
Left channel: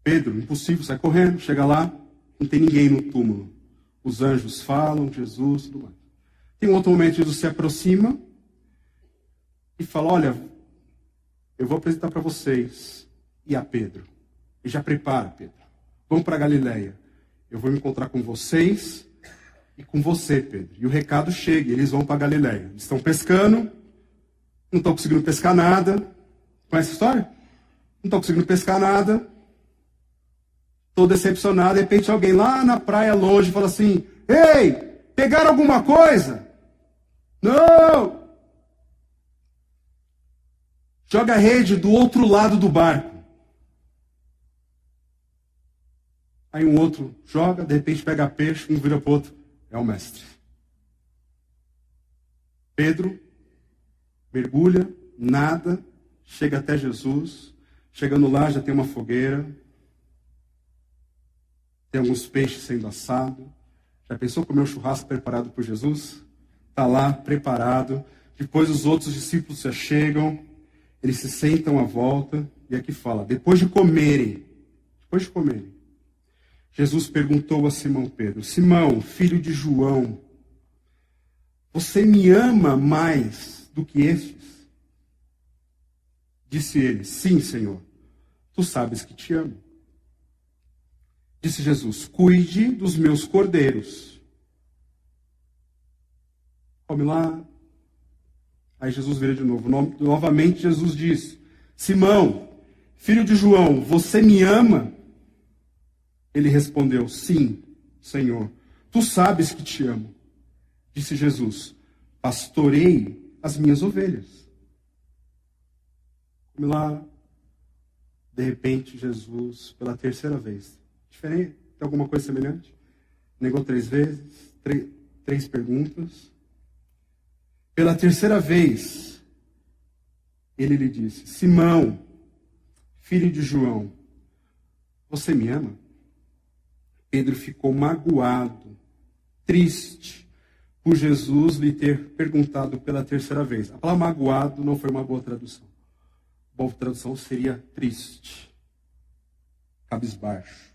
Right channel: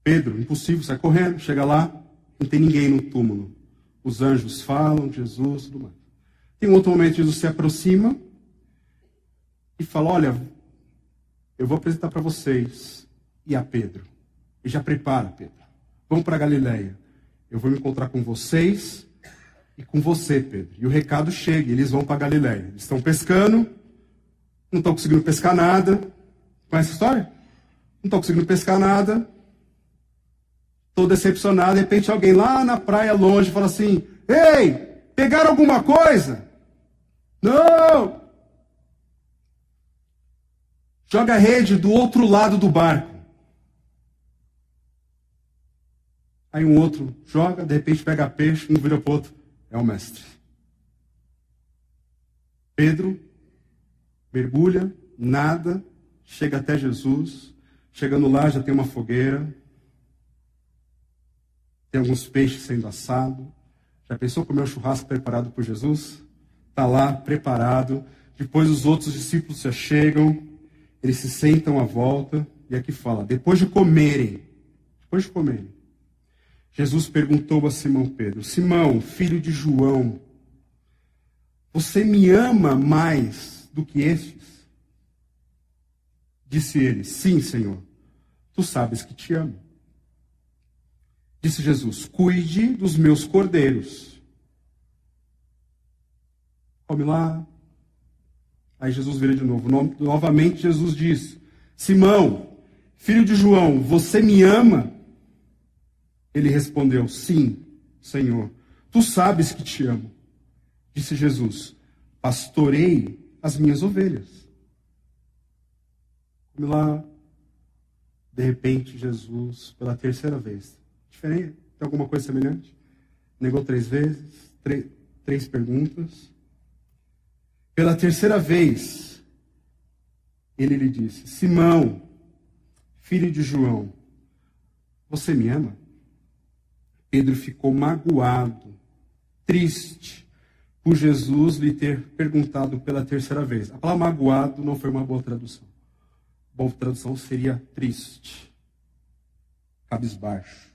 Pedro, impossível, sai correndo, chega lá, não tem ninguém no túmulo. Os anjos falam, Jesus, tudo mais. Tem um outro momento, Jesus se aproxima e fala, olha, eu vou apresentar para vocês e a Pedro. E já prepara, Pedro. Vamos para Galileia. Eu vou me encontrar com vocês e com você, Pedro. E o recado chega, eles vão para Galileia. Eles estão pescando, não estão conseguindo pescar nada. Conhece a história? Não estão conseguindo pescar nada. Estou decepcionado. De repente alguém lá na praia longe fala assim, ei, pegaram alguma coisa? Não! Joga a rede do outro lado do barco. Aí um outro joga, de repente pega peixe, um vira para o outro. É o mestre. Pedro mergulha, nada, chega até Jesus. Chegando lá já tem uma fogueira. Tem alguns peixes sendo assados. Já pensou comer um churrasco preparado por Jesus? Está lá, preparado. Depois os outros discípulos já chegam. Eles se sentam à volta. E aqui fala, depois de comerem, Jesus perguntou a Simão Pedro, Simão, filho de João, você me ama mais do que estes? Disse ele, sim, Senhor, tu sabes que te amo. Disse Jesus, cuide dos meus cordeiros. Come lá, Aí Jesus vira de novo. Novamente Jesus diz: Simão, filho de João, você me ama? Ele respondeu: sim, Senhor. Tu sabes que te amo. Disse Jesus: pastorei as minhas ovelhas. Vamos lá. De repente, Jesus, pela terceira vez. Diferente? Tem alguma coisa semelhante? Negou 3 vezes, três perguntas. Pela terceira vez, ele lhe disse: Simão, filho de João, você me ama? Pedro ficou magoado, triste, por Jesus lhe ter perguntado pela terceira vez. A palavra magoado não foi uma boa tradução. Boa tradução seria triste, cabisbaixo.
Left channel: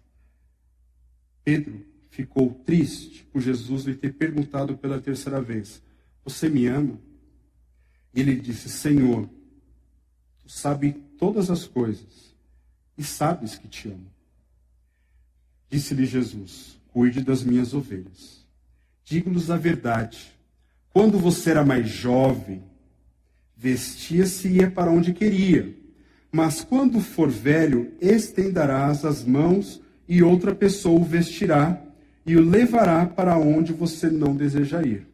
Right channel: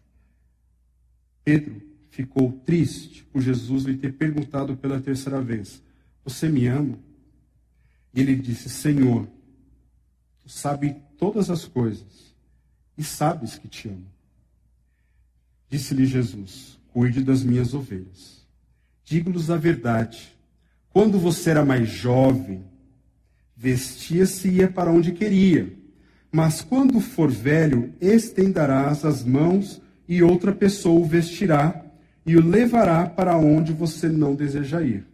Pedro ficou triste por Jesus lhe ter perguntado pela terceira vez: você me ama? E ele disse: Senhor, tu sabes todas as coisas e sabes que te amo. Disse-lhe Jesus: cuide das minhas ovelhas. Digo-lhes a verdade, quando você era mais jovem, vestia-se e ia para onde queria. Mas quando for velho, estenderás as mãos e outra pessoa o vestirá e o levará para onde você não deseja ir.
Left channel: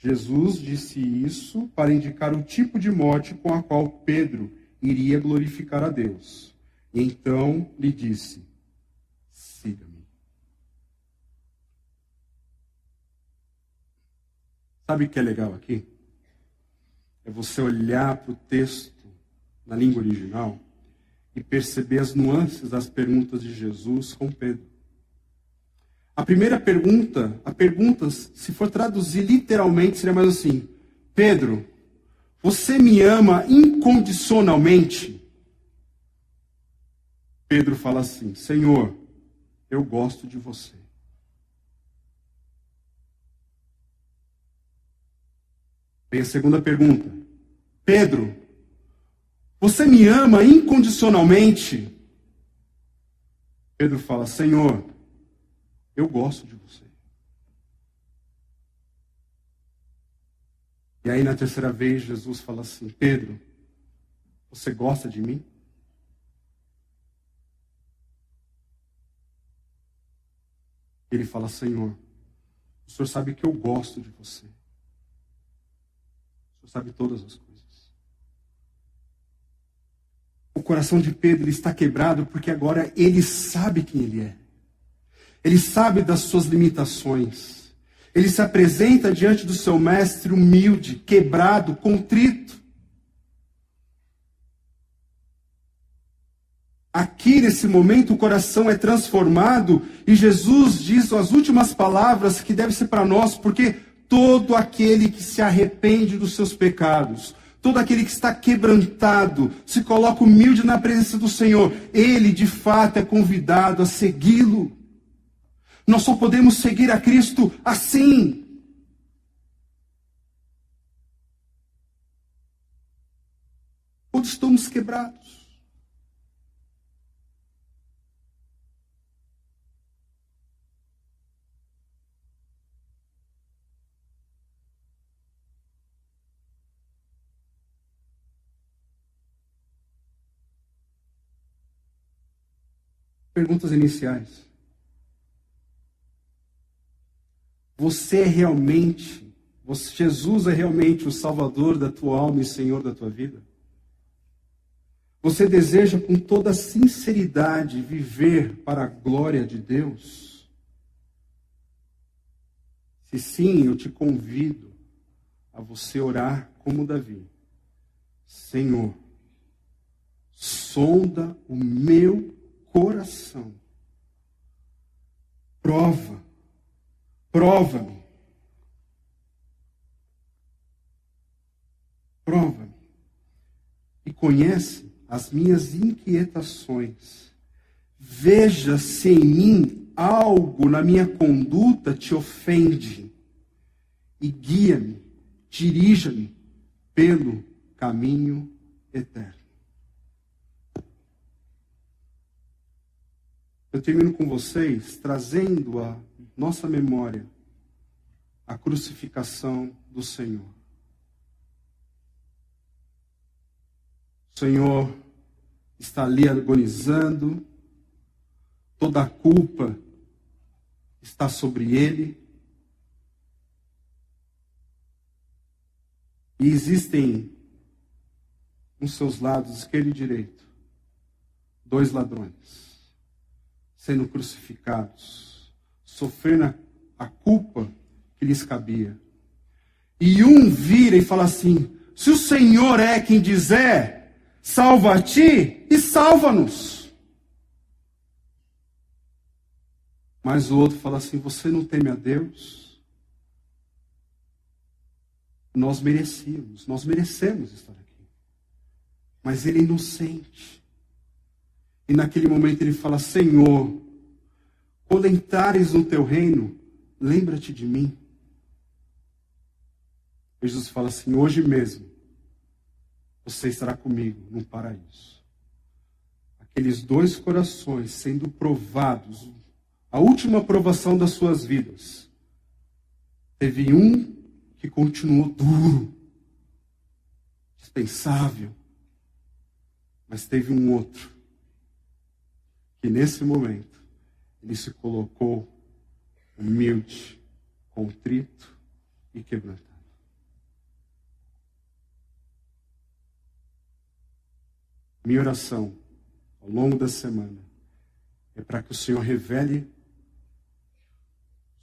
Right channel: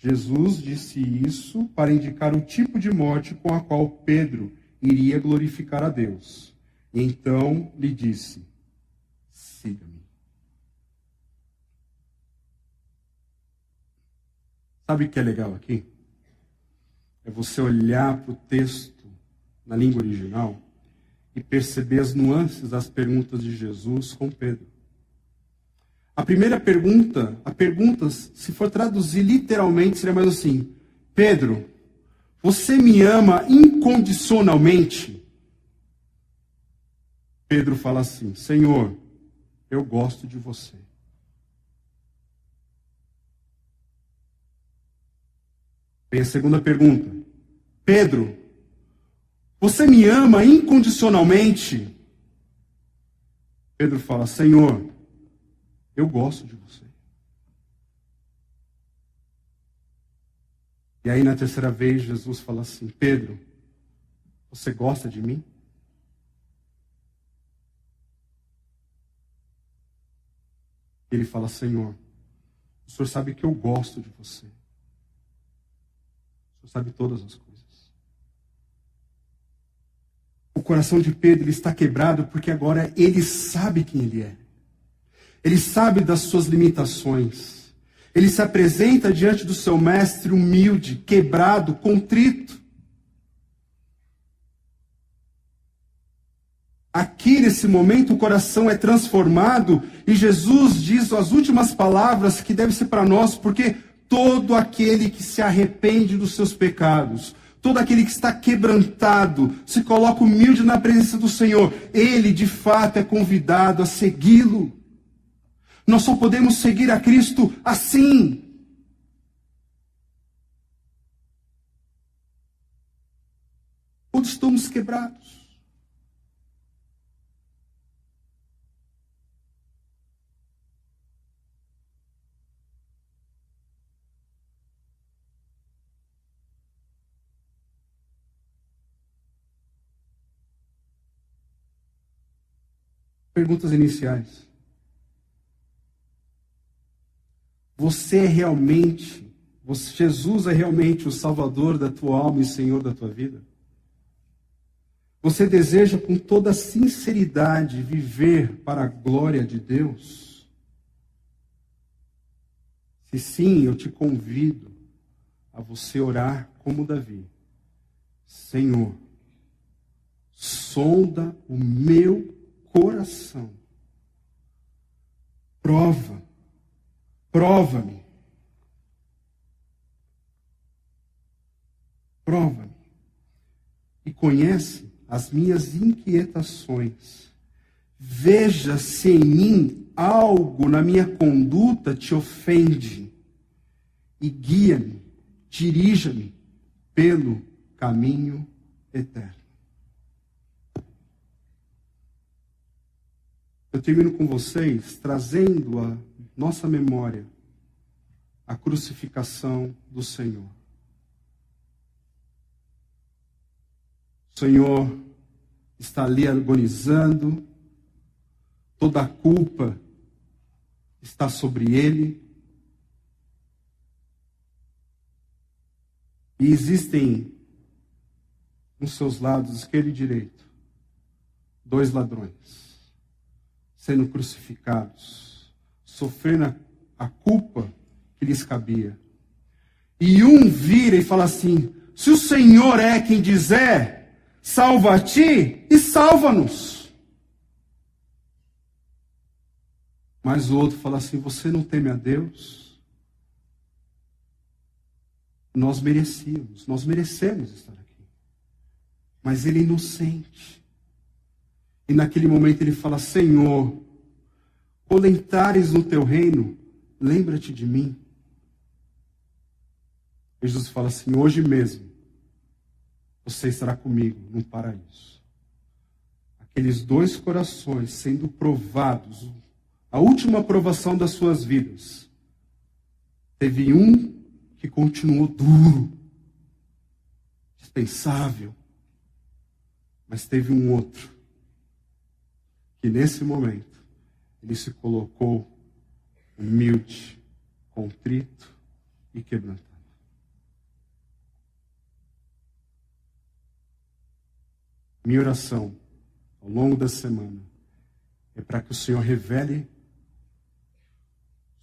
Jesus disse isso para indicar o tipo de morte com a qual Pedro iria glorificar a Deus. E então lhe disse: siga-me. Sabe o que é legal aqui? É você olhar para o texto na língua original e perceber as nuances das perguntas de Jesus com Pedro. A primeira pergunta, se for traduzir literalmente, seria mais assim: Pedro, você me ama incondicionalmente? Pedro fala assim: Senhor, eu gosto de você. Vem a segunda pergunta: Pedro, você me ama incondicionalmente? Pedro fala: Senhor, eu gosto de você. E aí na terceira vez Jesus fala assim: Pedro, você gosta de mim? Ele fala: Senhor, o Senhor sabe que eu gosto de você. O Senhor sabe todas as coisas. O coração de Pedro está quebrado porque agora ele sabe quem ele é. Ele sabe das suas limitações. Ele se apresenta diante do seu mestre humilde, quebrado, contrito. Aqui, nesse momento, o coração é transformado e Jesus diz as últimas palavras que devem ser para nós, porque todo aquele que se arrepende dos seus pecados, todo aquele que está quebrantado, se coloca humilde na presença do Senhor, ele, de fato, é convidado a segui-lo. Nós só podemos seguir a Cristo assim. Quando estamos quebrados. Perguntas iniciais. Jesus é realmente o Salvador da tua alma e Senhor da tua vida? Você deseja com toda sinceridade viver para a glória de Deus? Se sim, eu te convido a você orar como Davi. Senhor, sonda o meu coração. Prova-me. Prova-me. E conhece as minhas inquietações. Veja se em mim algo na minha conduta te ofende. E guia-me, dirija-me pelo caminho eterno. Eu termino com vocês trazendo à nossa memória a crucificação do Senhor. O Senhor está ali agonizando, toda a culpa está sobre ele. E existem, nos seus lados, esquerdo e direito, 2 ladrões, sendo crucificados, sofrendo a culpa que lhes cabia. E um vira e fala assim: se o Senhor é quem dizer, salva a ti e salva-nos. Mas o outro fala assim: você não teme a Deus? Nós merecemos estar aqui. Mas ele é inocente. E naquele momento ele fala: Senhor, quando entrares no teu reino, lembra-te de mim. Jesus fala assim: hoje mesmo você estará comigo no paraíso. Aqueles 2 corações sendo provados, a última provação das suas vidas. Teve um que continuou duro, dispensável, mas teve um outro que nesse momento ele se colocou humilde, contrito e quebrantado. Minha oração ao longo da semana é para que o Senhor revele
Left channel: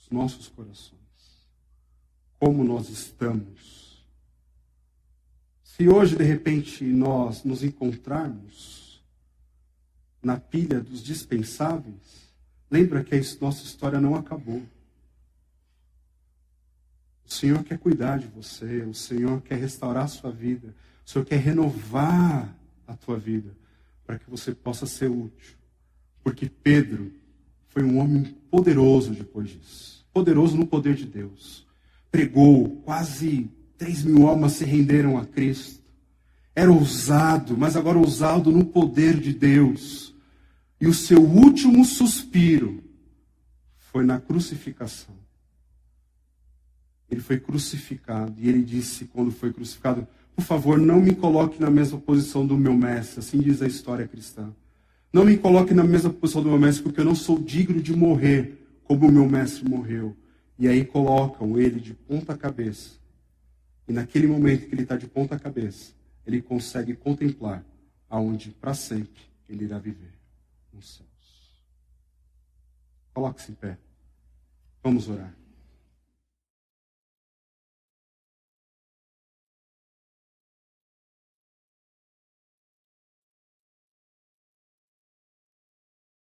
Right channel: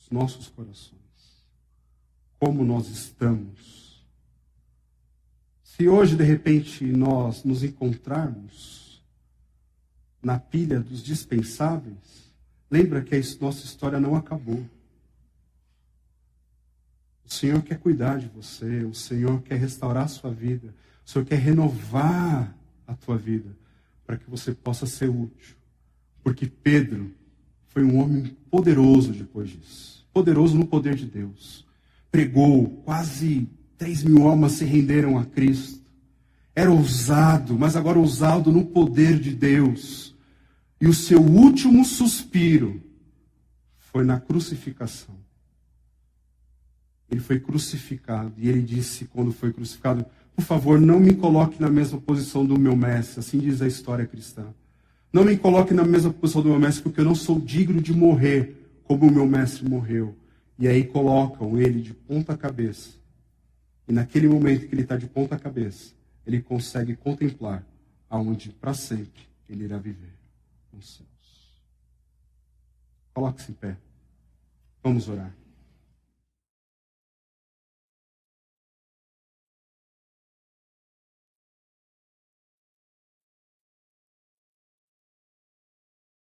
os nossos corações, como nós estamos. Se hoje, de repente, nós nos encontrarmos na pilha dos dispensáveis, lembra que a nossa história não acabou. O Senhor quer cuidar de você, o Senhor quer restaurar a sua vida, o Senhor quer renovar a tua vida, para que você possa ser útil. Porque Pedro foi um homem poderoso depois disso. Poderoso no poder de Deus. Pregou, quase 3.000 almas se renderam a Cristo. Era ousado, mas agora ousado no poder de Deus. E o seu último suspiro foi na crucificação. Ele foi crucificado. E ele disse, quando foi crucificado: por favor, não me coloque na mesma posição do meu mestre. Assim diz a história cristã. Não me coloque na mesma posição do meu mestre, porque eu não sou digno de morrer como o meu mestre morreu. E aí colocam ele de ponta cabeça. E naquele momento que ele está de ponta cabeça, ele consegue contemplar aonde para sempre ele irá viver, nos céus. Coloque-se em pé. Vamos orar.